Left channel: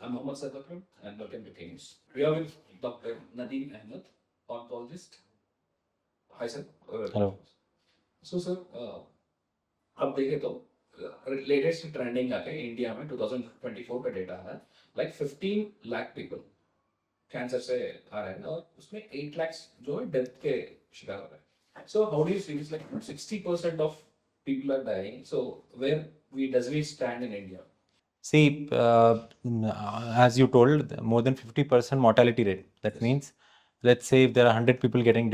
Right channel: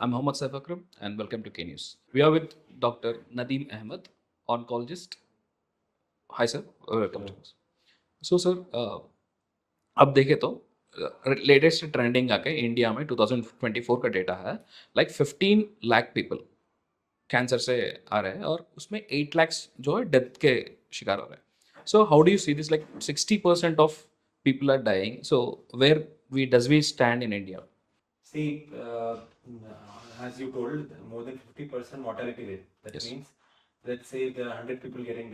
I'm Mohammad Saif Akram and welcome to K News. We are with Dr. Nadeem Ahmed, oncologist. Hi sir, welcome to hello. us. So sir, अब देखें तो latest trending आके India में 2024 का data है like 15 lakh people cancer से आ रहे हैं और उसमें 8 lakhs जो है डेथ के शिकार हो रहे हैं. So how do you see this like 60% of people are dying. So where we does we stand in India? See, as you told, more than 50% mortality rate. That Yes. means, let's say if there are 100 people getting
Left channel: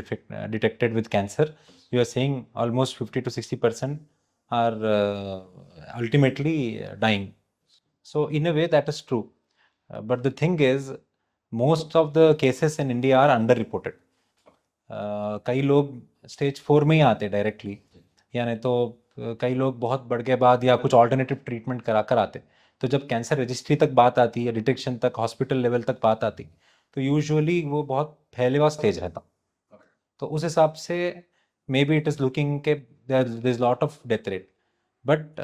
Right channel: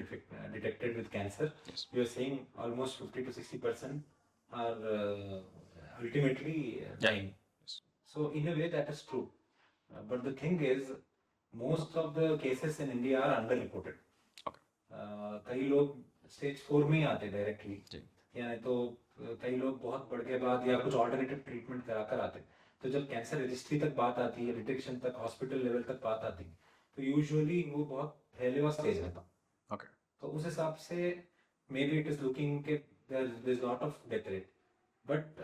detected with cancer, Yes. you are saying almost 50 to 60% are ultimately dying. So in a way, that is true. But the thing is, most of the cases in India are underreported. कई लोग stage 4 में ही आते directly, या नहीं तो कई लोग बहुत बढ़ के बाद या कुछ ऑल्टरनेटिव ट्रीटमेंट करा कर आते. तो जब कैंसर रजिस्ट्री तक बात आती है, डिटेक्शन तक, हॉस्पिटल लेवल तक बात आती, तो यूजुअली वो बहुत फैले हुआ स्टेज रहता. तो उस हिसाब से maybe it is looking के there is lot of death rate. But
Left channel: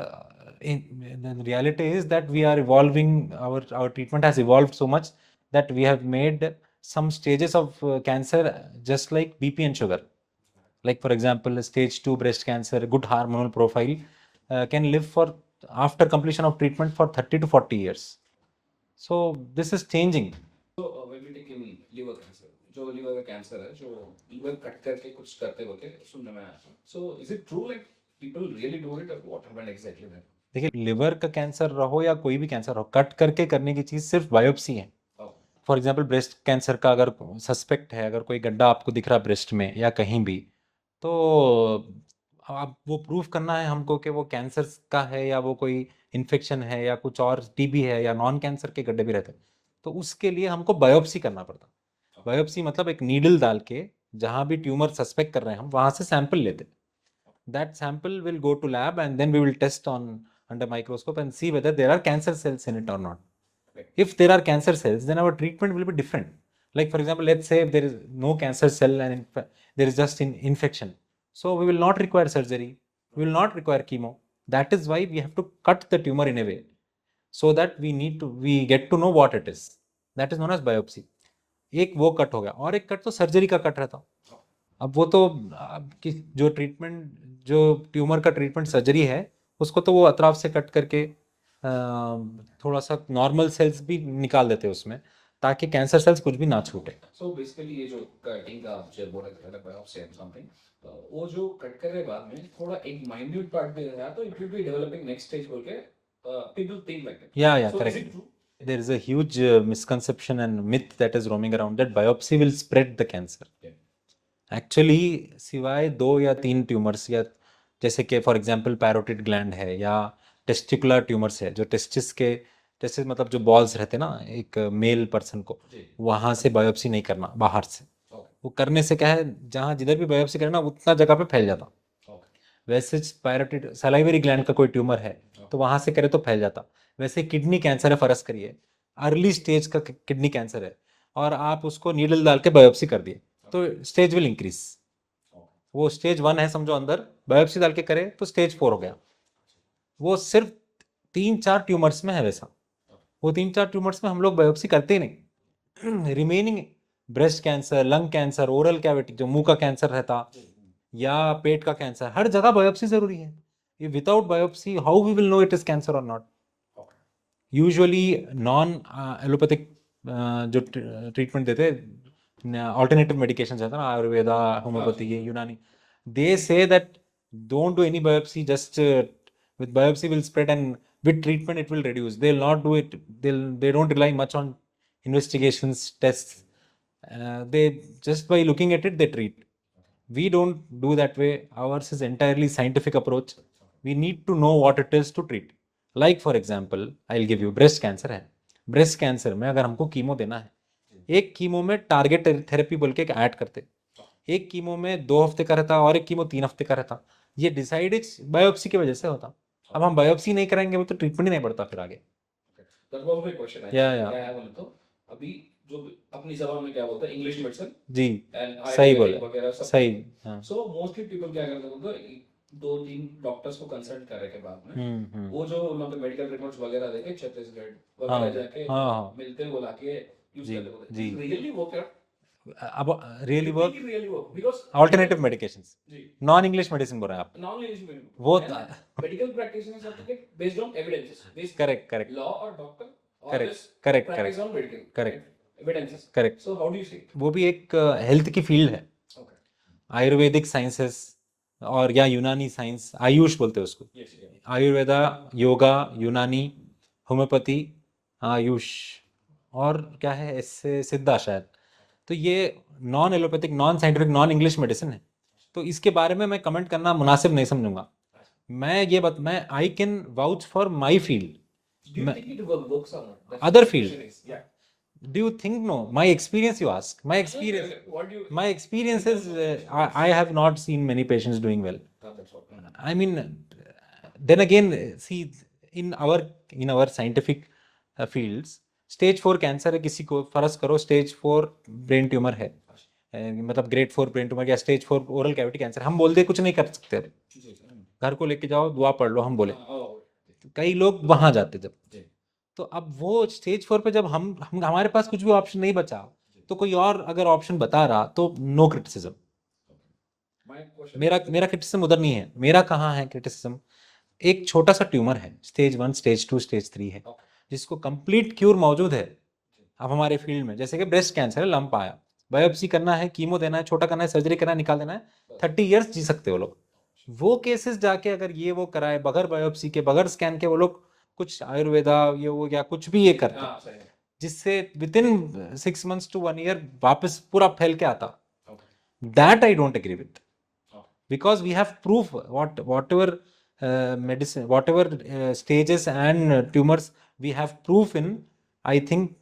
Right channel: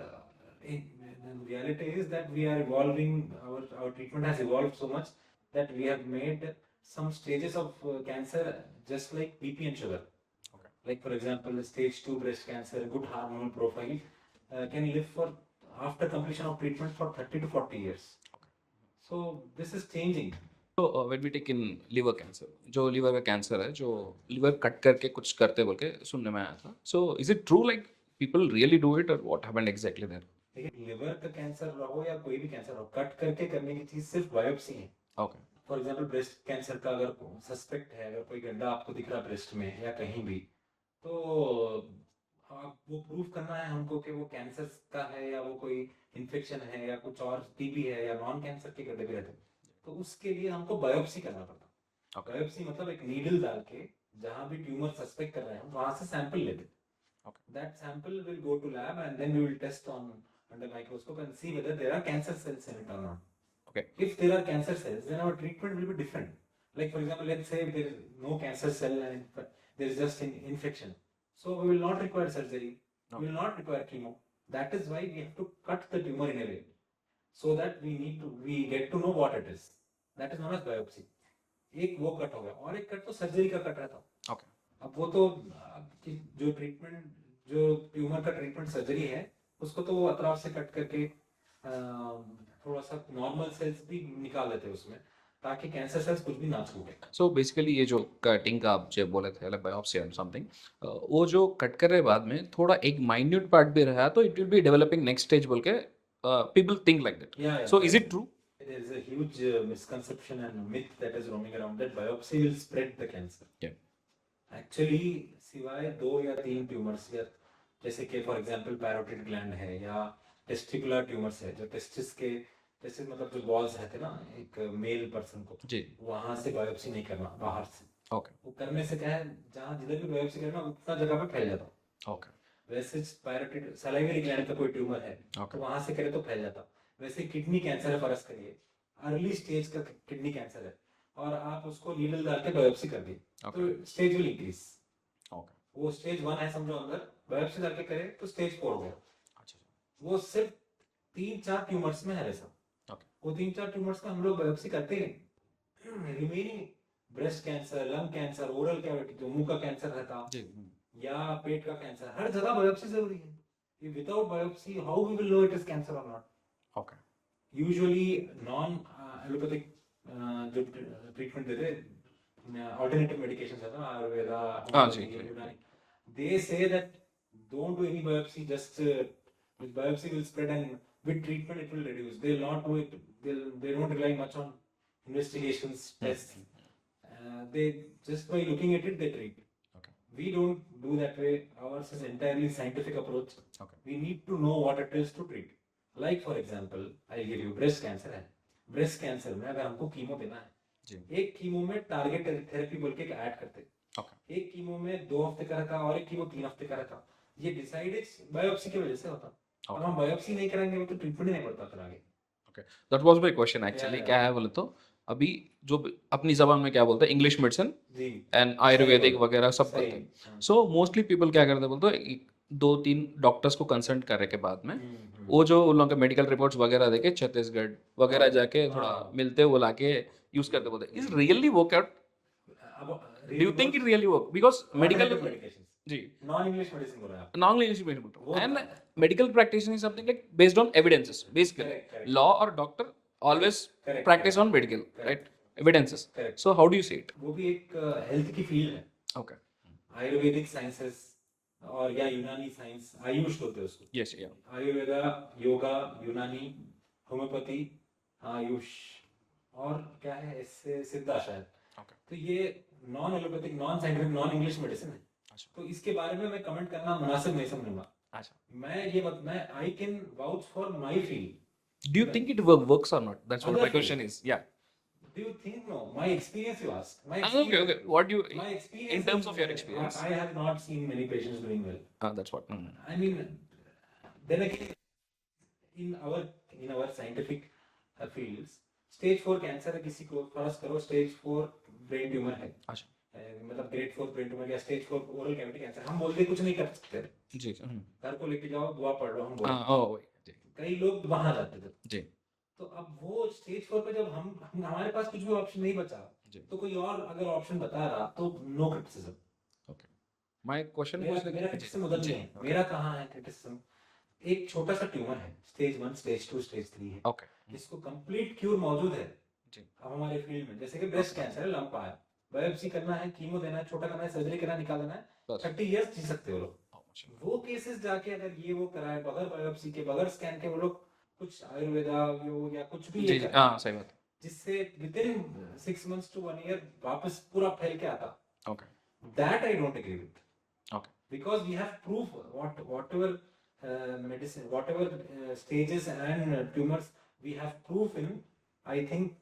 in reality is that we are evolving, our treatment has evolved so much that we have made some stages of cancer just like BP and sugar. Like for example, stage 2 breast cancer, good hormonal profile, can live for after completion of treatment for 30 to 40 years. So this is changing. तो when we take in liver cancer, जो liver का cancer है, जो liver cut करके कुछ करते बोल के सुनने में आया था. So is it true like people really do it और व्हाट हैपेंड एग्जैक्टली देयर? देखिए, लिवर का कैंसर रहो या कोई भी कैंसर हो, कट करके करने की चीज़ सिर्फ बायोप्सी है. Okay. For example breast cancer का अगर सस्पेक्ट है, अगर कोई गड्ढा आपको दिख रहा है ब्रेस्ट में या कहीं भी, तो आप वो प्रूफ करना है हमको कि वो कैंसर का है या वो कोई इन्फेक्शन है या कुछ और टीबी है या नॉन कैंसर के गड्ढे भी रहते हैं. तो उसके लिए हमको बायोप्सी करना पड़ता. बायोप्सी मतलब एक नीडल डाल के जहाँ भी ट्यूमर सस्पेक्ट कर रहे हैं हम वहाँ से सैंपल लेते. That sample will go to lab and then we will test on under microscope and see whether there are cancer cells in it or not. Okay. If there are cancer cells, then our treatment will be different. Like for example, let's say if there is no cancer cell and there is just an infection, so we will not require surgery. We will not require chemo. That is why we have to cut the tumor in a way so that we get to know what it is. That is known as biopsy. एक वो cut हो गया और एक cut तो surgery का cut रहता. अब वो तो जो ट्रीटमेंट, जो ट्यूमर का ट्रीटमेंट सर्जरी है, उसको तो वो अतराफ से कट करके थोड़ा सा नॉर्मल सेल्स भी निकाल देते हैं उसमें, ताकि कैंसर सेल्स कुछ भी ना छूटे. सो बेसिकली ये जो कटिंग का आप जो बोले थे बायोप्सी और समथिंग, वो जो कट कर रहे बाद में थोड़ा एक माइन्यूट पार्ट भी रहा तो it will be developing next stage बोल के पीपल थिंक लाइक दैट. या so is it true? There is a huge misconception and myth that is roaming around that biopsy will spread the cancer. Actually सिवाय 2 या 3 tumours, या जैसे कि for example parotid gland है या testicular tumours है, जो टेस्टिस मतलब जो बॉल्स रहते हैं ना एक मेल पर्सन को, वहाँ से बायोप्सी नहीं करना बाहर से. वो करने से क्या है, जहाँ जिधर भी बायोप्सी करना उतना जगह पे फैल जाता. वैसे पैरोटिड सलाइवरी ग्लैंड का कोई ट्यूमर है तो वहाँ से करे तो फैल जाता. वैसे किडनी कैंसर है, फर्ज करिए अर्ली स्टेज का किडनी कैंसर है और आप उसको नीडल डाल के बायोप्सी कर दिए, तो स्टेज विल इंक्रीज. वो स्टेज 1 है समझो, अंदर बायोप्सी डाल के करे तो स्टेज 4 हो गया. वो सिर्फ 3-4 ट्यूमर्स में है वैसा. वो 3-4 ट्यूमर्स में हम लोग बायोप्सी करते ही नहीं. Remaining breast cancer, lung cancer, oral cavity जो मुंह का कैंसर रहता, या पेट का कैंसर, हर जगह बायोप्सी जरूरी है. Without biopsy how we will know it is cancer और नॉट. यूजुअली नॉन एलोपैथिक जो ट्रीटमेंट देते, ऑल्टरनेटिव मेडिकेशन रहता ना, Ayurveda, homeopathy, Unani, they say that don't do any biopsy, just with biopsy will spread and with treatment it will reduce. They'll not do it, they don't rely much on investigations, tests. They just by looking at it they treat. We don't do that way. Ours is entirely scientific approach. We need to know what it is to treat. Like for example, I'll give you breast cancer है. breast cancer में अगर हमको chemo देना है, एक chemo में target therapy बोल के ऐड करते, एक कीमो में 2 हफ्ते का रहता और एक कीमो 3 हफ्ते का रहता. ये डिसाइडेड बायोप्सी की वजह से होता. अब हम बायोप्सी नहीं कराएंगे वो तो ट्रीटमेंट ही नहीं पड़ता फिर आगे. That was my question actually. क्या है बोले तो अभी जो अपनी जबान में क्या बोलते हैं, इंग्लिश मेडिसिन जी एंड आयुर्वेदिक वगैरह सब सही. सो मोस्टली पीपल क्या करते हैं बोलते हैं, 2-3 डॉक्टर्स को कंसल्ट करने के बाद में हम्म। वो जो उन लोगों के मेडिकल रिपोर्ट्स वगैरह देके छत्तीसगढ़ वगैरह हाँ जाके हाँ मिलते वो लाके यूज जी करते बोलते जी इट रियली वर्क आउट अब do really you think work it really work because medical alternative medications जी नॉन इंग्लिश मेडिसिन बोल रहे हैं आप नॉन इंग्लिश मीडियम वो and like medical practice is something like based on evidences basically correct correct law or doctor always correct practice on medical correct right evidences correct so how do you see it वो भी एक health की field है okay Ayurvedic sciences और या यूनानी science Ayush बोलते हैं उसको yes yeah आयुर्वेदा योगा यूनानी होम्योपैथी आयुष और क्या है इससे सिद्धा शायद okay तो ये non allopathic non scientific non English medicine है अच्छा तो इसके बारे में मैं कमेंट करना मुनासिब नहीं समझूंगा अच्छा मैं I can vouch for my field do you think it works or not that's what other my field question is yeah do you think no my experience you ask my okay, experience okay. what do you my experience in is terms of your experience I have not seen many patients doing well that's what I mean then again see in our scientific fields stage 4 cancer है किसी को फर्ज करो stage 4 brain tumour है अच्छा मतलब grade 4 brain tumour या stage 4 oral cavity cancer हम बोल दे कुछ नहीं कर सकते अभी जी घर को लेके जाओ दुआ पढ़ लो हम बोले हाँ ओ जी कई लोग वहां जाते जब जी तो अब वो स्टेज 4 पे जब हम हमारे पास कुछ भी ऑप्शन नहीं बचा जी तो कोई और अगर ऑप्शन बता रहा तो no criticism okay my question मेरा was that मेरा क्रिटिसिज्म उधर नहीं है मेरा कहाँ है क्रिटिसिज्म एक छोटा सा ट्यूमर है स्टेज 1 स्टेज 2 स्टेज 3 है okay जिसको कंप्लीट क्योर मौजूद है जी अब हमारे फील्ड में जैसे कि ब्रेस्ट कैंसर है लंप आया बायोप्सी करना है कीमो देना है छोटा करना है सर्जरी करना है निकाल देना है बस 30 इयर्स जी सकते हो लोग अच्छा वो केसेस जाके अगर ये वो कराए बगैर बायोप्सी के बगैर स्कैन के वो लोग कुछ आयुर्वेदा ये वो या कुछ भी ये जी करते हाँ सही बात जिससे with in 6 months to 1 year वापस पूरा फैल के आता okay that I don't agree with okay because we have proof whatever medicine whatever stages and tumors we have proof in I think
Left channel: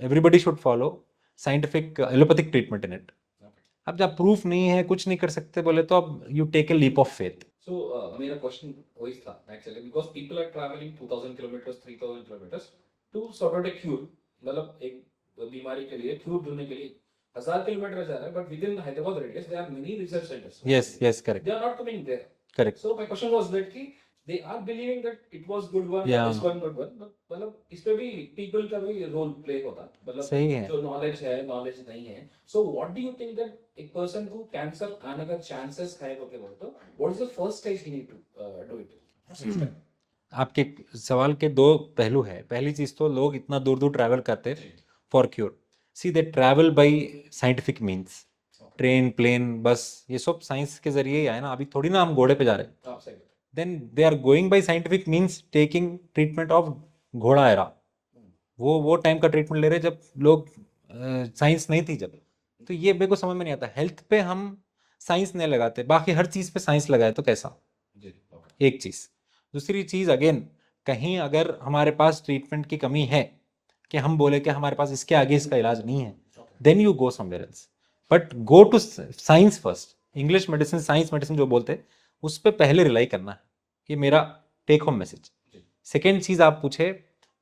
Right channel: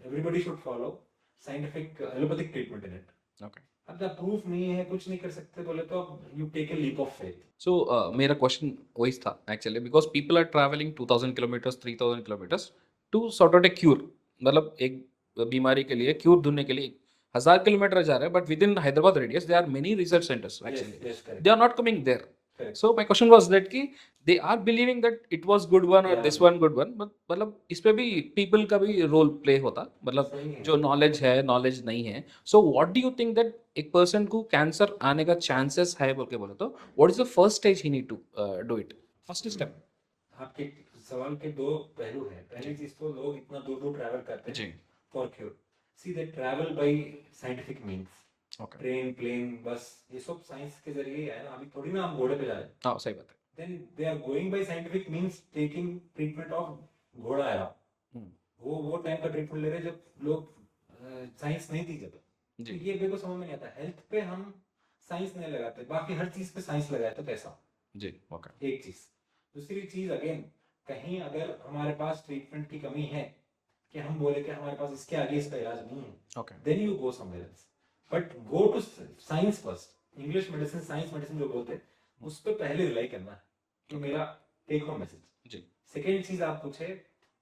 everybody should follow scientific allopathic treatment in it okay अब जब proof नहीं है कुछ नहीं कर सकते बोले तो अब you take a leap of faith so मेरा क्वेश्चन वही था actually because people are travelling 2000 kilometres 3000 kilometres to sort out a cure मतलब एक बीमारी के लिए क्यूर ढूंढने के लिए 1000 किलोमीटर जा रहे हैं but within Hyderabad radius they are many research centres yes correct they are not coming there correct so my question was that ki they are believing that it was good one or Yeah. this one good one but मतलब इस पे भी people का भी role play होता मतलब सही है जो नॉलेज है नॉलेज नहीं है so what do you think that एक पर्सन को कैंसर आने का चांसेस है बोल के बोले तो what is the first stage he need to do it first step आपके सवाल के दो पहलू है पहली चीज तो लोग इतना दूर दूर ट्रैवल करते जी for cure see they travel by scientific means okay train plane bus ये सब साइंस के जरिए ही आए ना अभी थोड़ी ना हम घोड़े पे जा रहे हैं हाँ सही बात है then they are going by scientific means taking treatment of घोड़ा एरा वो टाइम का ट्रीटमेंट ले रहे जब लोग साइंस नहीं थी जब तो ये मेरे को समझ में नहीं आता हेल्थ पे हम साइंस नहीं लगाते बाकी हर चीज पे साइंस लगाए तो कैसा जी ओके एक चीज दूसरी चीज अगेन कहीं अगर हमारे पास ट्रीटमेंट की कमी है कि हम बोले कि हमारे पास इसके आगे इसका इलाज नहीं है okay then you go somewhere else but go to science first English medicine science medicine जो बोलते हैं उस पर पहले रिलाई करना है ये मेरा टेक होम मैसेज जी सेकेंड चीज आप पूछे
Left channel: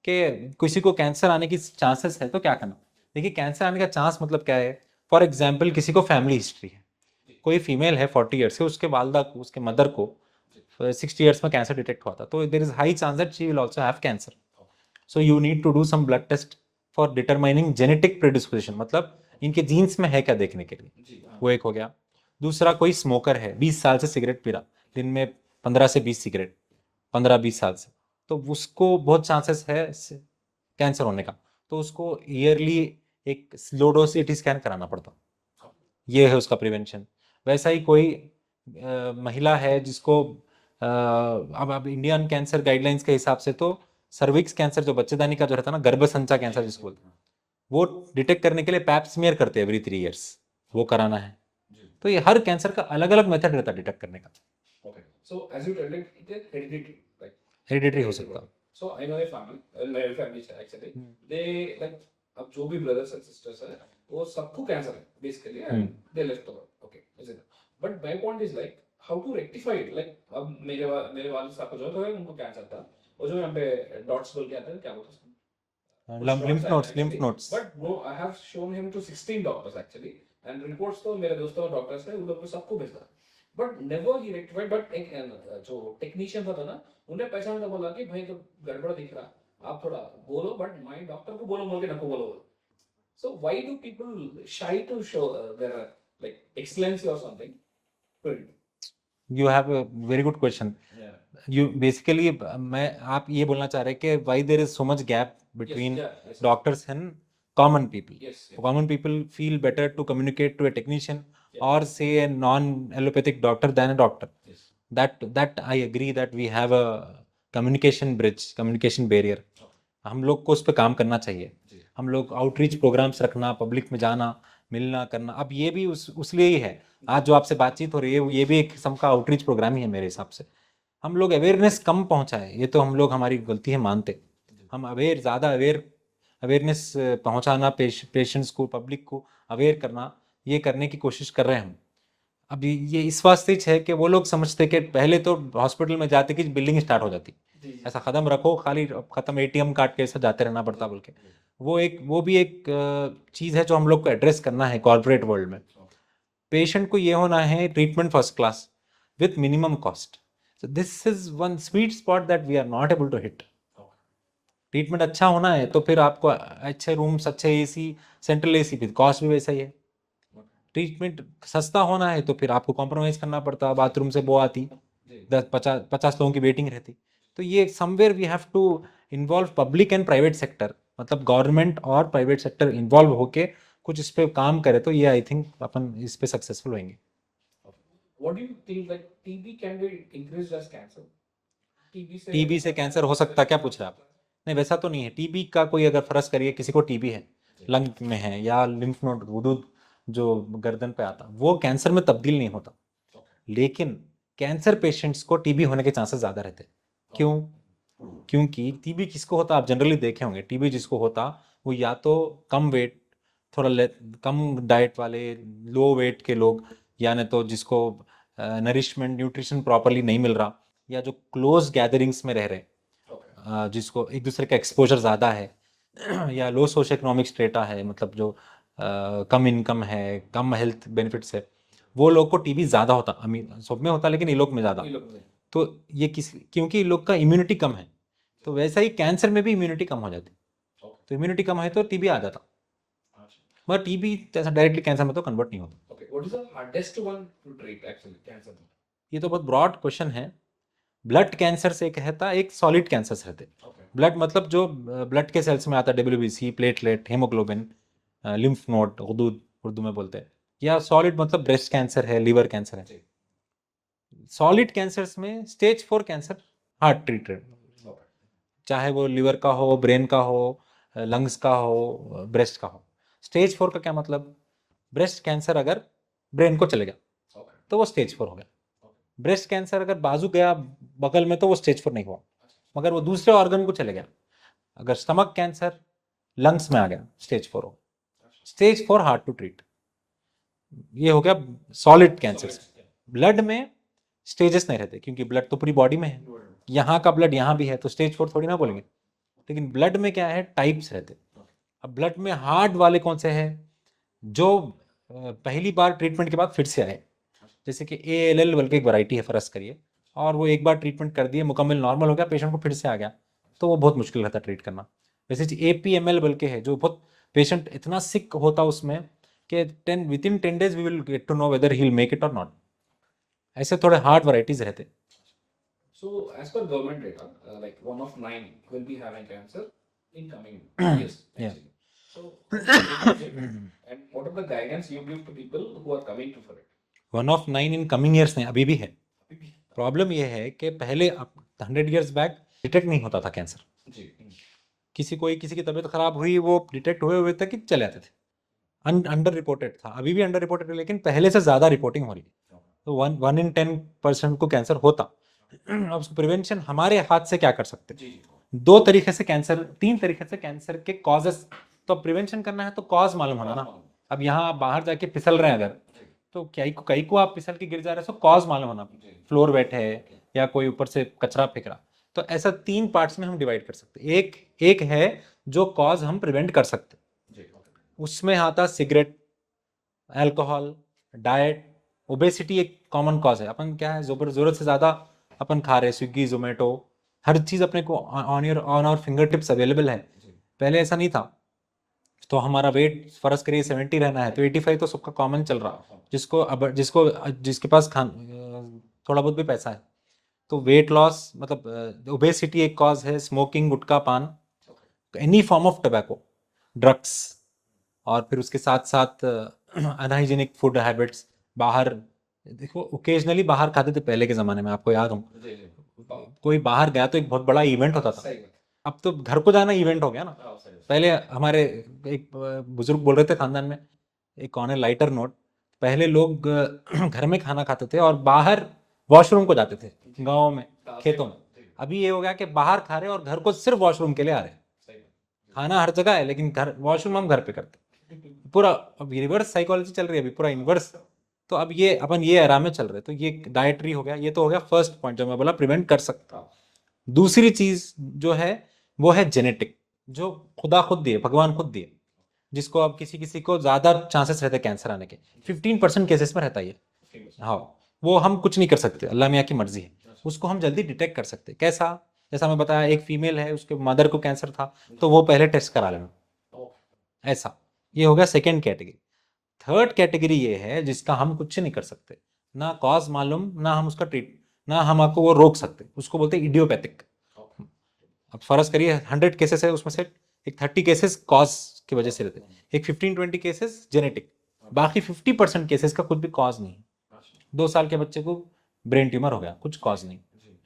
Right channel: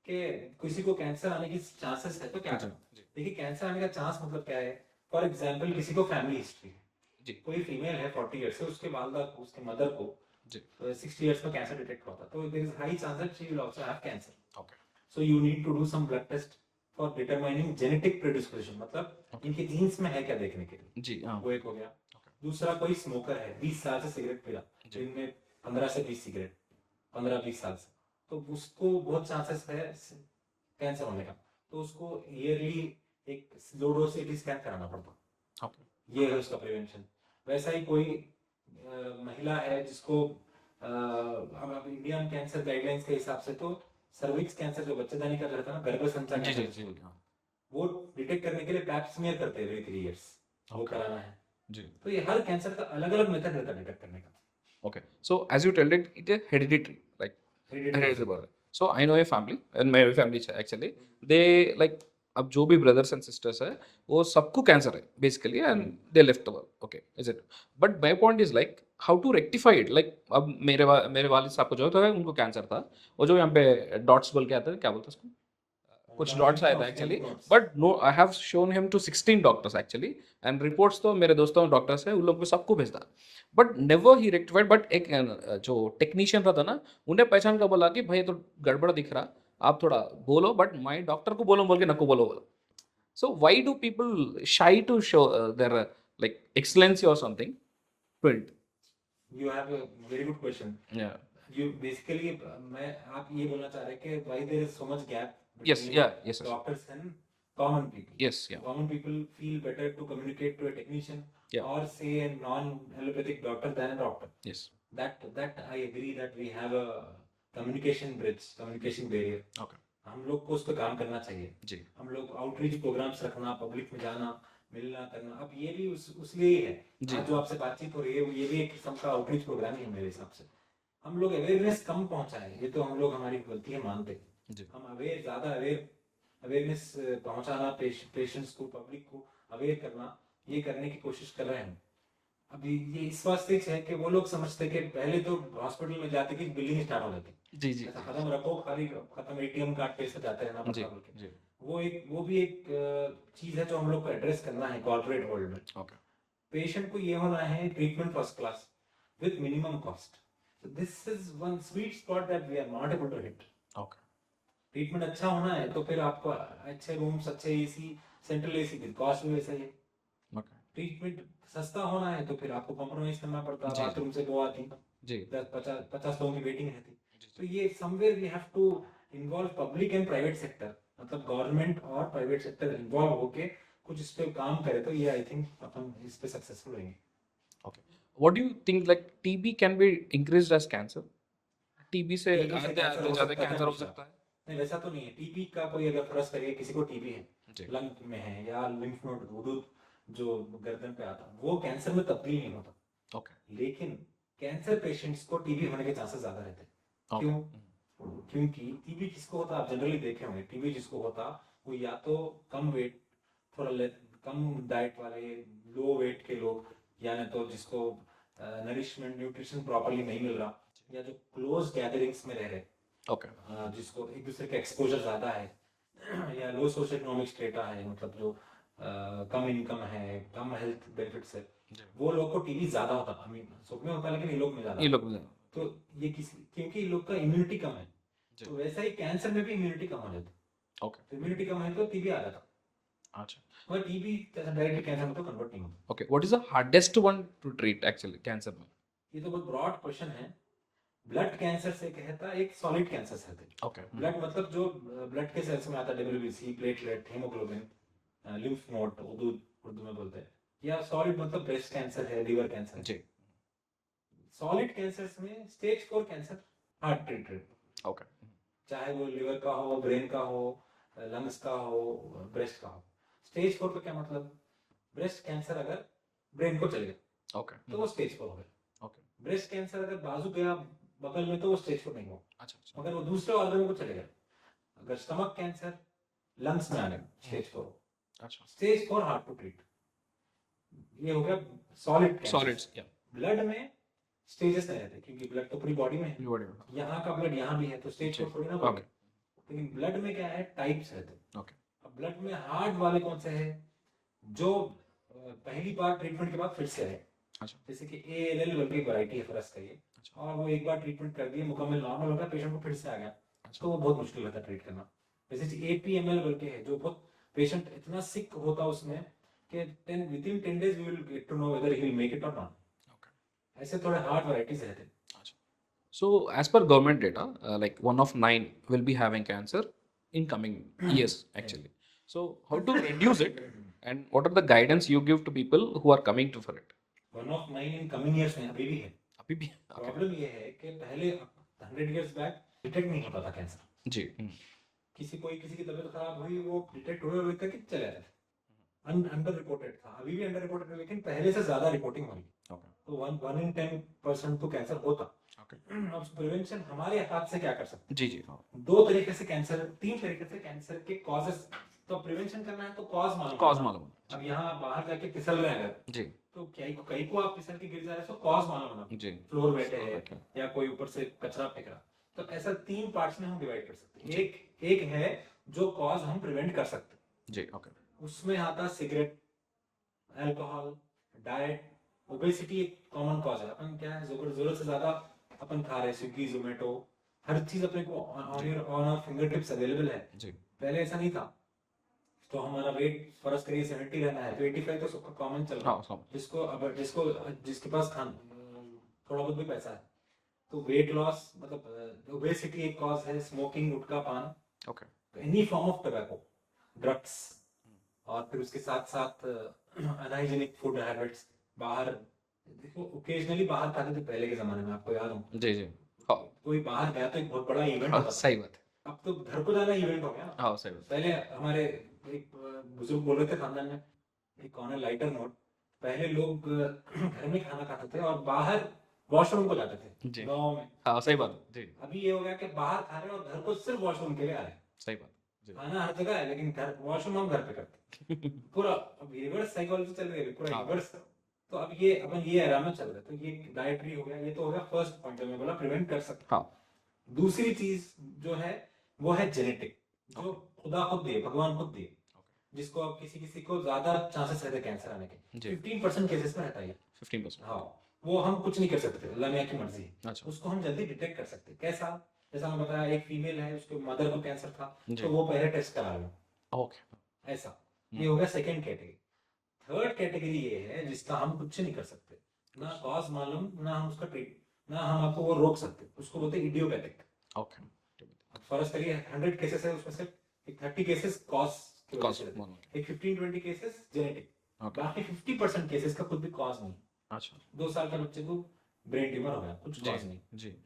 कि किसी को कैंसर आने की चांसेस है तो क्या करना देखिए कैंसर आने का चांस मतलब क्या है फॉर एग्जाम्पल किसी को फैमिली हिस्ट्री है जी कोई फीमेल है 40 ईयर्स से उसके वालदा को उसके मदर को जी 60 ईयर्स में कैंसर डिटेक्ट हुआ था तो there is high chance that she will also have cancer okay so you need to do some blood test for determining genetic predisposition मतलब इनके जीन्स में है क्या देखने के लिए जी हाँ वो एक हो गया दूसरा कोई स्मोकर है 20 साल से सिगरेट पी रहा दिन में 15 से 20 सिगरेट 15-20 साल से तो उसको बहुत चांसेस है कैंसर होने का तो उसको ईयरली एक लो डोज सीटी स्कैन कराना पड़ता ओके ये है उसका प्रिवेंशन वैसा ही कोई महिला है जिसको अब इंडियन कैंसर गाइडलाइंस के हिसाब से तो सर्विक्स कैंसर जो बच्चेदानी का जो रहता है ना गर्भसंचा कैंसर जिसको बोलते हैं वो डिटेक्ट करने के लिए पैप स्मीयर करते हैं एवरी 3 इयर्स वो कराना है जी तो ये हर कैंसर का अलग अलग मेथड रहता है डिटेक्ट करने का okay so as you told it it is hereditary like hereditary हो hereditary सकता है so I know a family and my family actually they like अब जो भी ब्रदर्स एंड सिस्टर्स है वो सबको कैंसर है basically and they left over okay is it but my point is like how to rectify it like अब मेरे वालिद साहब को जो था उनको कैंसर था वो जो यहाँ पे डॉट्स बोल के आता है क्या बोलते हैं उसको कुछ डॉट्स आया था actually but no I have shown him to 16 doctors actually and reports तो मेरे दोस्तों डॉक्टर्स है उन लोग को सबको भेजता but never he rectified, but एक जो टेक्नीशियन था ना, उन्हें पहचान कर बोला कि भाई ये तो गड़बड़ दिख रहा, आप थोड़ा बोलो, बट माई डॉक्टर को बोलो बोल के नको बोलो बोलो. So why do people shy to show their like excellency or something? Print. You have a very good question. Yeah. You basically मैं आप ये बोलना चाह रहे हैं कि why there is so much gap Yes. Between Yeah. Yes. doctors and common people. Yes. Yeah. Common people feel better to communicate to a technician Yeah. or say a non-allopathic doctor than a doctor. Yes. That I agree that we have a communication bridge, communication barrier. Okay. हम लोग को उस पर काम करना चाहिए. जी. हम लोग आउटरीच प्रोग्राम्स रखना, पब्लिक में जाना, मिलना करना. अब ये भी उस लिए ही है. आज जो आपसे बातचीत हो रही है ये भी एक किस्म का आउटरीच प्रोग्राम ही है मेरे हिसाब से. हम लोग अवेयरनेस कम पहुंचाए, ये तो हम लोग हमारी गलती है मानते. हम ज़्यादा अवेयरनेस पहुंचाना, पेशेंट्स को, पब्लिक को अवेयर करना, ये करने की कोशिश कर रहे हैं हम. अभी ये इस वास्ते है कि वो लोग समझते कि पहले तो हॉस्पिटल में जाते कि बिल्डिंग स्टार्ट हो जाती. जी. जी. ऐसा कदम रखो, खाली खत्म, एटीएम कार्ड के ऐसा जाते रहना पड़ता बोल के. जी. वो भी एक चीज़ है जो हम लोग को एड्रेस करना है कॉर्पोरेट वर्ल्ड में. Okay. पेशेंट को ये होना है treatment first class with minimum cost. So this is one sweet spot that we are not able to hit. Okay. Treatment अच्छा होना है तो फिर आपको अच्छे रूम्स, अच्छे एसी, सेंट्रल एसी, फिर कॉस्ट भी वैसा ही है. Okay. ट्रीटमेंट सस्ता होना है तो फिर आपको कॉम्प्रोमाइज करना पड़ता. जी. बाथरूम से वो आती, जी. 50 लोगों की वेटिंग रहती. तो ये somewhere we have to involve public and private sector, मतलब गवर्नमेंट और प्राइवेट सेक्टर इन्वॉल्व होके कुछ इस पे काम करे तो ये आई थिंक अपन इस पे सक्सेसफुल होंगे. What do you think, like TB can be increased as cancer? TB से कैंसर हो सकता, क्या पूछ रहे आप? नहीं, वैसा तो नहीं है. टीबी का कोई अगर फर्ज करिए किसी को टीबी है, लंग में है या लिम्फ नोड गुदूद जो गर्दन पे आता, वो कैंसर में तब्दील नहीं होता. लेकिन कैंसर पेशेंट्स को टीबी होने के चांसेस ज़्यादा रहते हैं. क्यों? क्योंकि टीबी किसको होता, आप जनरली देखे होंगे, टीबी जिसको होता वो या तो कम वेट, थोड़ा कम डाइट वाले, लो वेट के लोग, या न तो जिसको नरिशमेंट, न्यूट्रिशन प्रॉपरली नहीं मिल रहा, या जो क्लोज गैदरिंग्स में रह रहे, जिसको एक दूसरे का एक्सपोजर ज़्यादा है, या लो सोशो इकोनॉमिक स्टेटा है, मतलब जो कम इनकम है, कम हेल्थ बेनिफिट्स है, वो लोग को टीबी ज़्यादा होता. अमीर सब में होता लेकिन ये लोग में ज़्यादा. तो ये क्योंकि ये लोग का इम्यूनिटी कम है, तो वैसा ही कैंसर में भी इम्यूनिटी कम हो जाती. तो इम्यूनिटी कम है तो टीबी आ जाता. मगर टीबी ऐसा डायरेक्टली कैंसर में तो कन्वर्ट नहीं होता. Okay, what is the hardest one to treat actually cancer में? ये तो बहुत ब्रॉड क्वेश्चन है. ब्लड कैंसर से कहता, एक सॉलिड कैंसर से रहते. ब्लड मतलब जो ब्लड के सेल्स में आता, WBC, platelet, haemoglobin, lymph node, गुदूद उर्दू में बोलते हैं. या सॉलिड मतलब ब्रेस्ट कैंसर है, लीवर कैंसर है. सॉलिड कैंसर्स में स्टेज 4 कैंसर हार्ड ट्रीटेड. चाहे वो लीवर का हो, ब्रेन का हो, लंग्स का हो, ब्रेस्ट का हो. स्टेज 4 का क्या मतलब? ब्रेस्ट कैंसर अगर ब्रेन को चले गया तो वो स्टेज 4 हो गया. ब्रेस्ट कैंसर अगर बाजू गया बगल में तो वो स्टेज 4 नहीं हुआ. मगर वो दूसरे ऑर्गन को चले गया. अगर स्टमक कैंसर लंग्स में आ गया, स्टेज 4 हो. Stage 4 hard to treat. ये हो गया सॉलिड कैंसर. ब्लड में स्टेजेस नहीं रहते क्योंकि ब्लड तो पूरी बॉडी में है. यहाँ का ब्लड यहाँ भी है तो स्टेज 4 थोड़ी ना बोलेंगे. लेकिन ब्लड में क्या है, टाइप्स रहते. अब ब्लड में हार्ड वाले कौन से हैं? जो पहली बार ट्रीटमेंट के बाद फिर से आए. जैसे कि ALL बल्कि एक वैरायटी है, फर्ज करिए, और वो एक बार ट्रीटमेंट कर दिए, मुकम्मल नॉर्मल हो गया, पेशेंट को फिर से आ गया, तो वो बहुत मुश्किल रहता ट्रीट करना. वैसे APML बल्कि है, जो बहुत पेशेंट इतना सिक होता उसमें कि within 10 days we will get to know whether he will make it और नॉट. ऐसे थोड़े हार्ड वैरायटीज रहते. So as per government data, like 1 of 9 will be having cancer in coming years actually. So how to reduce it, and what are the guidance you give to people who are coming to for it? 1 of 9 in coming years नहीं, अभी भी है. अभी भी problem ये है कि पहले 100 years बैक डिटेक्ट नहीं होता था कैंसर. जी. किसी की तबीयत खराब हुई, वो डिटेक्ट हुए हुए तक चले आते थे. अंडर रिपोर्टेड था, अभी भी अंडर रिपोर्टेड है, लेकिन पहले से ज़्यादा रिपोर्टिंग हो रही है. तो 1 in 10% को कैंसर होता. अब उसको प्रिवेंशन हमारे हाथ से क्या कर सकते हैं? जी. 2 तरीके से कैंसर, 3 तरीके से कैंसर के कॉजेस. तो प्रिवेंशन करना है तो कॉज मालूम होना. अब यहाँ बाहर जाके फिसल रहे हैं अगर, जी, तो कई को आप फिसल के गिर जा रहे हो, तो कॉज मालूम होना. फ्लोर वेट है या कोई ऊपर से कचरा फेंक रहा. तो ऐसा 3 पार्ट्स में हम डिवाइड कर सकते हैं. एक है जो कॉज हम प्रिवेंट कर सकते. जी. उसमें आता सिगरेट, अल्कोहल, डाइट, ओबेसिटी एक कॉमन कॉज है। अपन क्या है, जरूरत से ज़्यादा अपन खा रहे हैं, स्विगी जोमेटो हर चीज़ अपने को on our finger tips available है। जी पहले ऐसा नहीं था। तो हमारा वेट फर्ज करिए 70 रहना है तो 85 तो सबका कॉमन चल रहा है। हाँ जिसके पास थोड़ा बहुत भी पैसा है। तो वेट लॉस मतलब ओबेसिटी एक कॉज है, स्मोकिंग, गुटखा पान, okay any form of tobacco, drugs, और फिर उसके साथ साथ अनहाइजीनिक फूड हैबिट्स। बाहर देखो, ओकेजनली बाहर खाते थे पहले के ज़माने में, आपको याद हो जी जी हाँ कोई बाहर गया तो एक बहुत बड़ा इवेंट होता था। सही बात अब तो घर को जाना इवेंट हो गया ना। हाँ सही बात पहले हमारे एक बुजुर्ग बोल रहे थे खानदान में, एक कौन है, लाइटर नोट, पहले लोग घर में खाना खाते थे और बाहर वॉशरूम को जाते थे जी गाँव में, हाँ सही खेतों में। बात जी अभी ये हो गया कि बाहर खा रहे हैं और घर को सिर्फ वॉशरूम के लिए आ रहे हैं। सही बात जी खाना हर जगह है लेकिन घर, वॉशरूम हम घर पे करते हैं। पूरा अब रिवर्स साइकोलॉजी चल रही है अभी, पूरा हाँ इनवर्स। तो अब ये अपन ये आराम में चल रहे हैं। तो ये डाइटरी हो गया, ये तो हो गया फर्स्ट पॉइंट जो मैं बोला प्रिवेंट कर सकता। हाँ दूसरी चीज जो है वो है जेनेटिक, जो खुदा खुद दिए, भगवान खुद दिए, जिसको अब किसी किसी को ज्यादा चांसेस रहते हैं कैंसर आने के। जी 15% केसेस में रहता है ये। 15% हाँ, वो हम कुछ नहीं कर सकते, अल्लाह मियाँ की मर्जी है। अच्छा उसको हम जल्दी डिटेक्ट कर सकते हैं। कैसा? जैसा मैं बताया, एक फीमेल है, उसके मदर को कैंसर था, जी तो वो पहले टेस्ट करा लेना, ओके ऐसा। ये हो गया सेकेंड कैटेगरी। थर्ड कैटेगरी ये है जिसका हम कुछ नहीं कर सकते, ना कॉज मालूम, ना हम उसका ट्रीट, ना हम आपको वो रोक सकते, उसको बोलते हैं इडियोपैथिक। ओके अब फर्ज करिए 100 केसेस है, उसमें से एक 30 केसेस कॉज की वजह से रहते हैं, एक 15-20 केसेस जेनेटिक, बाकी 50% केसेस का कुछ भी कॉज नहीं। अच्छा 2 साल के बच्चे को ब्रेन ट्यूमर हो गया, कुछ कॉज नहीं। जी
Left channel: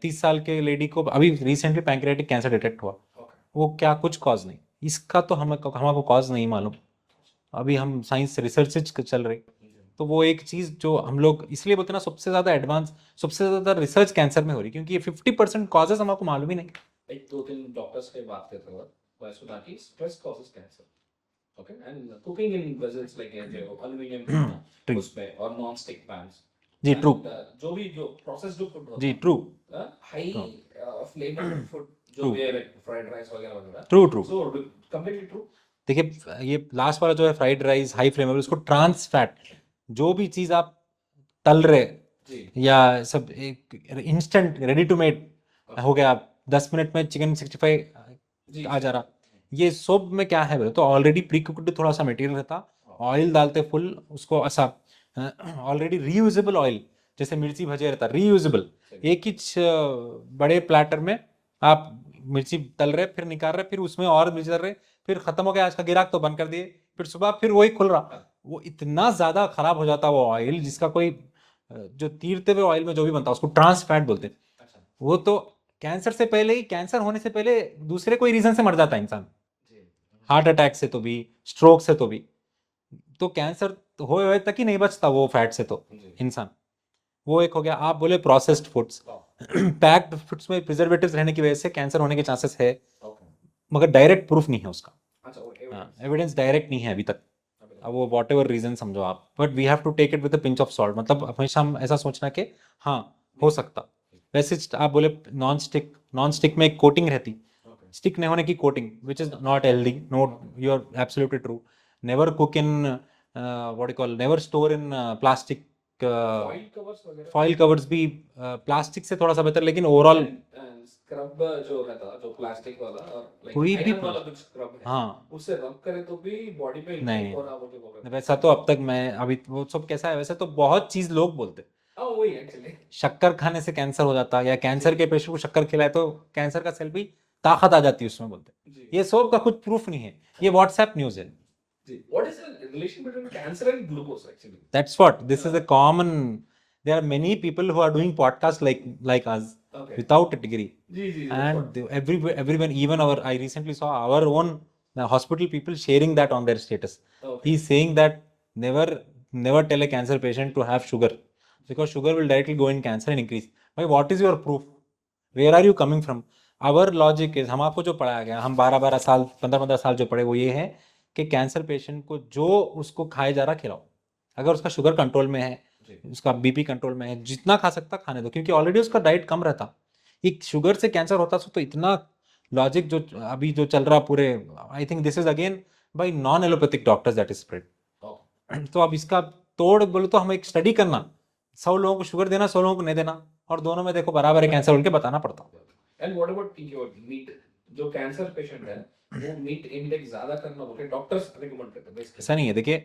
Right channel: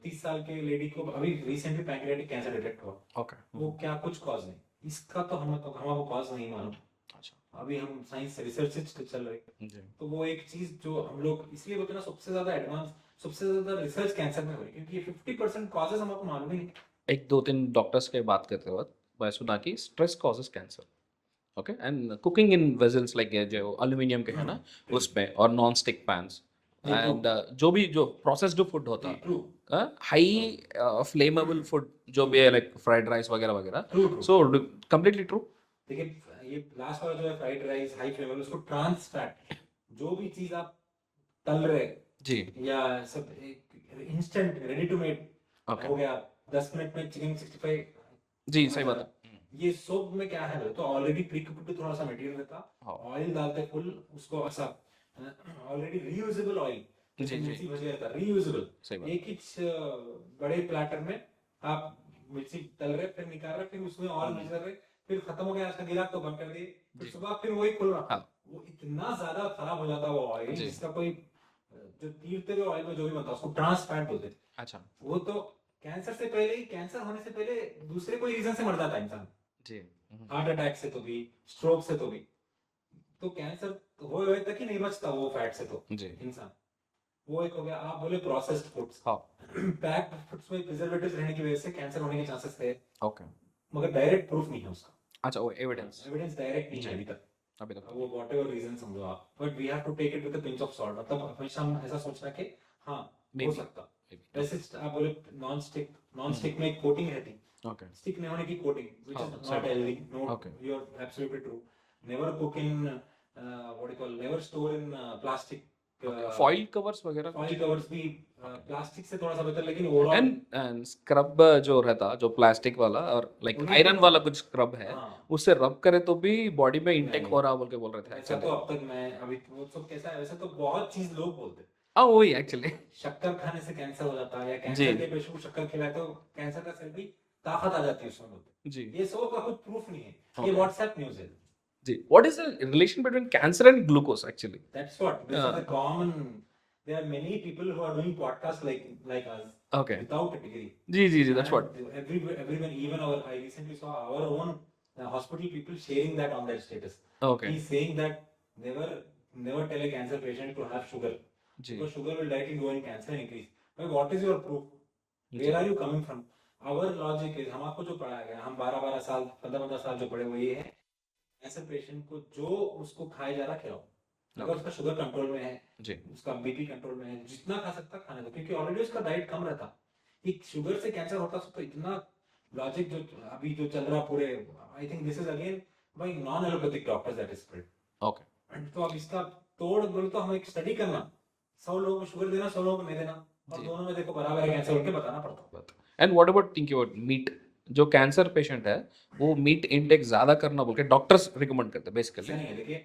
30 साल के लेडी को अभी रिसेंटली पैंक्रियाटिक कैंसर डिटेक्ट हुआ, ओके वो क्या, कुछ कॉज नहीं। इसका तो हमको कॉज नहीं मालूम, अच्छा अभी हम साइंस रिसर्च चल रही। जी तो वो एक चीज़ जो हम लोग इसलिए बोलते हैं ना, सबसे ज़्यादा एडवांस, सबसे ज़्यादा रिसर्च कैंसर में हो रही, क्योंकि ये 50% कॉजेज हमको मालूम ही नहीं। एक दो तीन डॉक्टर्स के बात करते वक्त मैं सुना कि stress causes cancer okay and cooking in vessels like जो एल्यूमिनियम के है ना True. उसमें और नॉन स्टिक पैन्स जी ट्रू, एंड जो प्रोसेस्ड फूड जी होता ट्रू, हाई फ्लेमेबल फूड जो ट्रू, भी है लाइक फ्राइड राइस वगैरह वगैरह true, true. So completely true देखिए, ये लास्ट वाला जो है फ्राइड राइस, हाई फ्लेमेबल, उसको ट्रांस फैट, जो भी चीज़ आप तल रहे जी या सब एक instant ready to made okay हो गया, 10 मिनट में चिकन 65 जी आ सही जा रहा, बात ये सब में क्या है बोले तो ऑलरेडी प्री कुक्ड थोड़ा सा मटेरियल रहता, हाँ, ऑयल डालते फुल उसको ऐसा, ऑलरेडी रीयूजेबल ऑयल, जैसे जी, जी। मिर्ची भजे रहता रीयूजेबल, सही बात एक ही बड़े प्लेटर में आप मिर्ची तल रहे, फिर निकाल रहे, फिर उसमें और भी चल रहे, फिर खत्म हो गया, आज का गिराक तो बंद कर दिए, फिर जी। सुबह फिर वही खुल रहा। हाँ वो इतना ज्यादा खराब हो जाता वो ऑयल, जी जिसका कोई जो तीरते हुए ऑयल में जो भी बनता उसको ट्रांस फैट बोलते हैं। अच्छा वो तो कैंसर से पहले ही, कैंसर होने से पहले दूसरे कोई रीजन से मर जाता है इंसान, जी हार्ट अटैक से तो भी, स्ट्रोक से तो भी। तो कैंसर होए तक ही नहीं बचता वो फैट से तो जी इंसान। वो एक हो गया। आप बोले प्रोसेस्ड फूड्स, हाँ पैक्ड फूड्स में प्रिजर्वेटिव्स रहने की वजह से कैंसर होने के चांसेस है, ओके मगर डायरेक्ट प्रूफ नहीं है उसका। अच्छा वो एविडेंस एविडेंस डायरेक्ट नहीं है अभी तक। अभी अब तक वो वॉट एवर रीजन समझो आप, but we have to take it with pinch of salt, मतलब हमेशा हम ऐसा सोचना कि हाँ हो नहीं सकता। वैसे आप बोले नॉन स्टिक में एक कोटिंग रहती, ओके स्टिक नहीं होने की coating, which is Oh, not healthy, note, Okay. You are absolutely true. Never cook in what you call, never store in plastic, foil covers वगैरह फॉइल कवर्स भी plastic से थोड़ा सा बेहतर, लेकिन ओवरऑल एंड स्क्रब जो रहता जो प्लास्टिक वाला और लाइक कोई भी, आयरन वाला कुछ स्क्रब है हाँ उससे रब करे तो भी बॉडी में इनटेक नहीं, हो रहा बोल के बोल रहे थे वैसा तो अब तक मैं अभी वो सब कैसा है, वैसे तो बहुत चीज लोग बोलते, हाँ वही एक्चुअली शक्कर खाने से कैंसर हो जाता, या कैंसर जी के पेशेंट को शक्कर खिलाए तो कैंसर का सेल भी ताकत आ जाती है उसमें, बोलते। जी ये सब का कुछ प्रूफ नहीं है, ये हाँ व्हाट्सएप न्यूज है। जी what is the relation between cancer and glucose actually That's what this is a common. There are many people who are doing podcasts like us okay without a degree, जी जी जी that's what and everyone, even our, I recently saw our own hospital people sharing that on their status. Okay He's saying that never never tell a cancer patient to have sugar, जी because sugar will directly go in cancer and increase. Why? What is your proof? Where are you coming from? Our logic is, हम आपको जो पढ़ाया गया, हम 12-12 साल 15-15 साल जो पढ़े, वो ये है कि कैंसर पेशेंट को जो उसको खाए जा रहा खिलाओ, अगर उसका शुगर कंट्रोल में है, जी उसका बीपी कंट्रोल में है, जितना खा सकता खाने दो, क्योंकि ऑलरेडी उसका डाइट कम रहता। एक शुगर से कैंसर होता तो इतना लॉजिक जो अभी जो चल रहा पूरे, I think this is again bye non allopathic doctors that is spread. Okay तो अब इसका तोड़ बोले तो हमें एक स्टडी करना, 100 लोगों को शुगर देना, 100 लोगों को नहीं देना, और जी। दोनों में देखो बराबर है कैंसर बोल के बताना पड़ता। And what about think about meat? जो कैंसर पेशेंट है वो मीट इंटेक ज्यादा करना बोल के डॉक्टर्स रिकमेंड करते हैं ऐसा बेसिकली। नहीं है, देखिए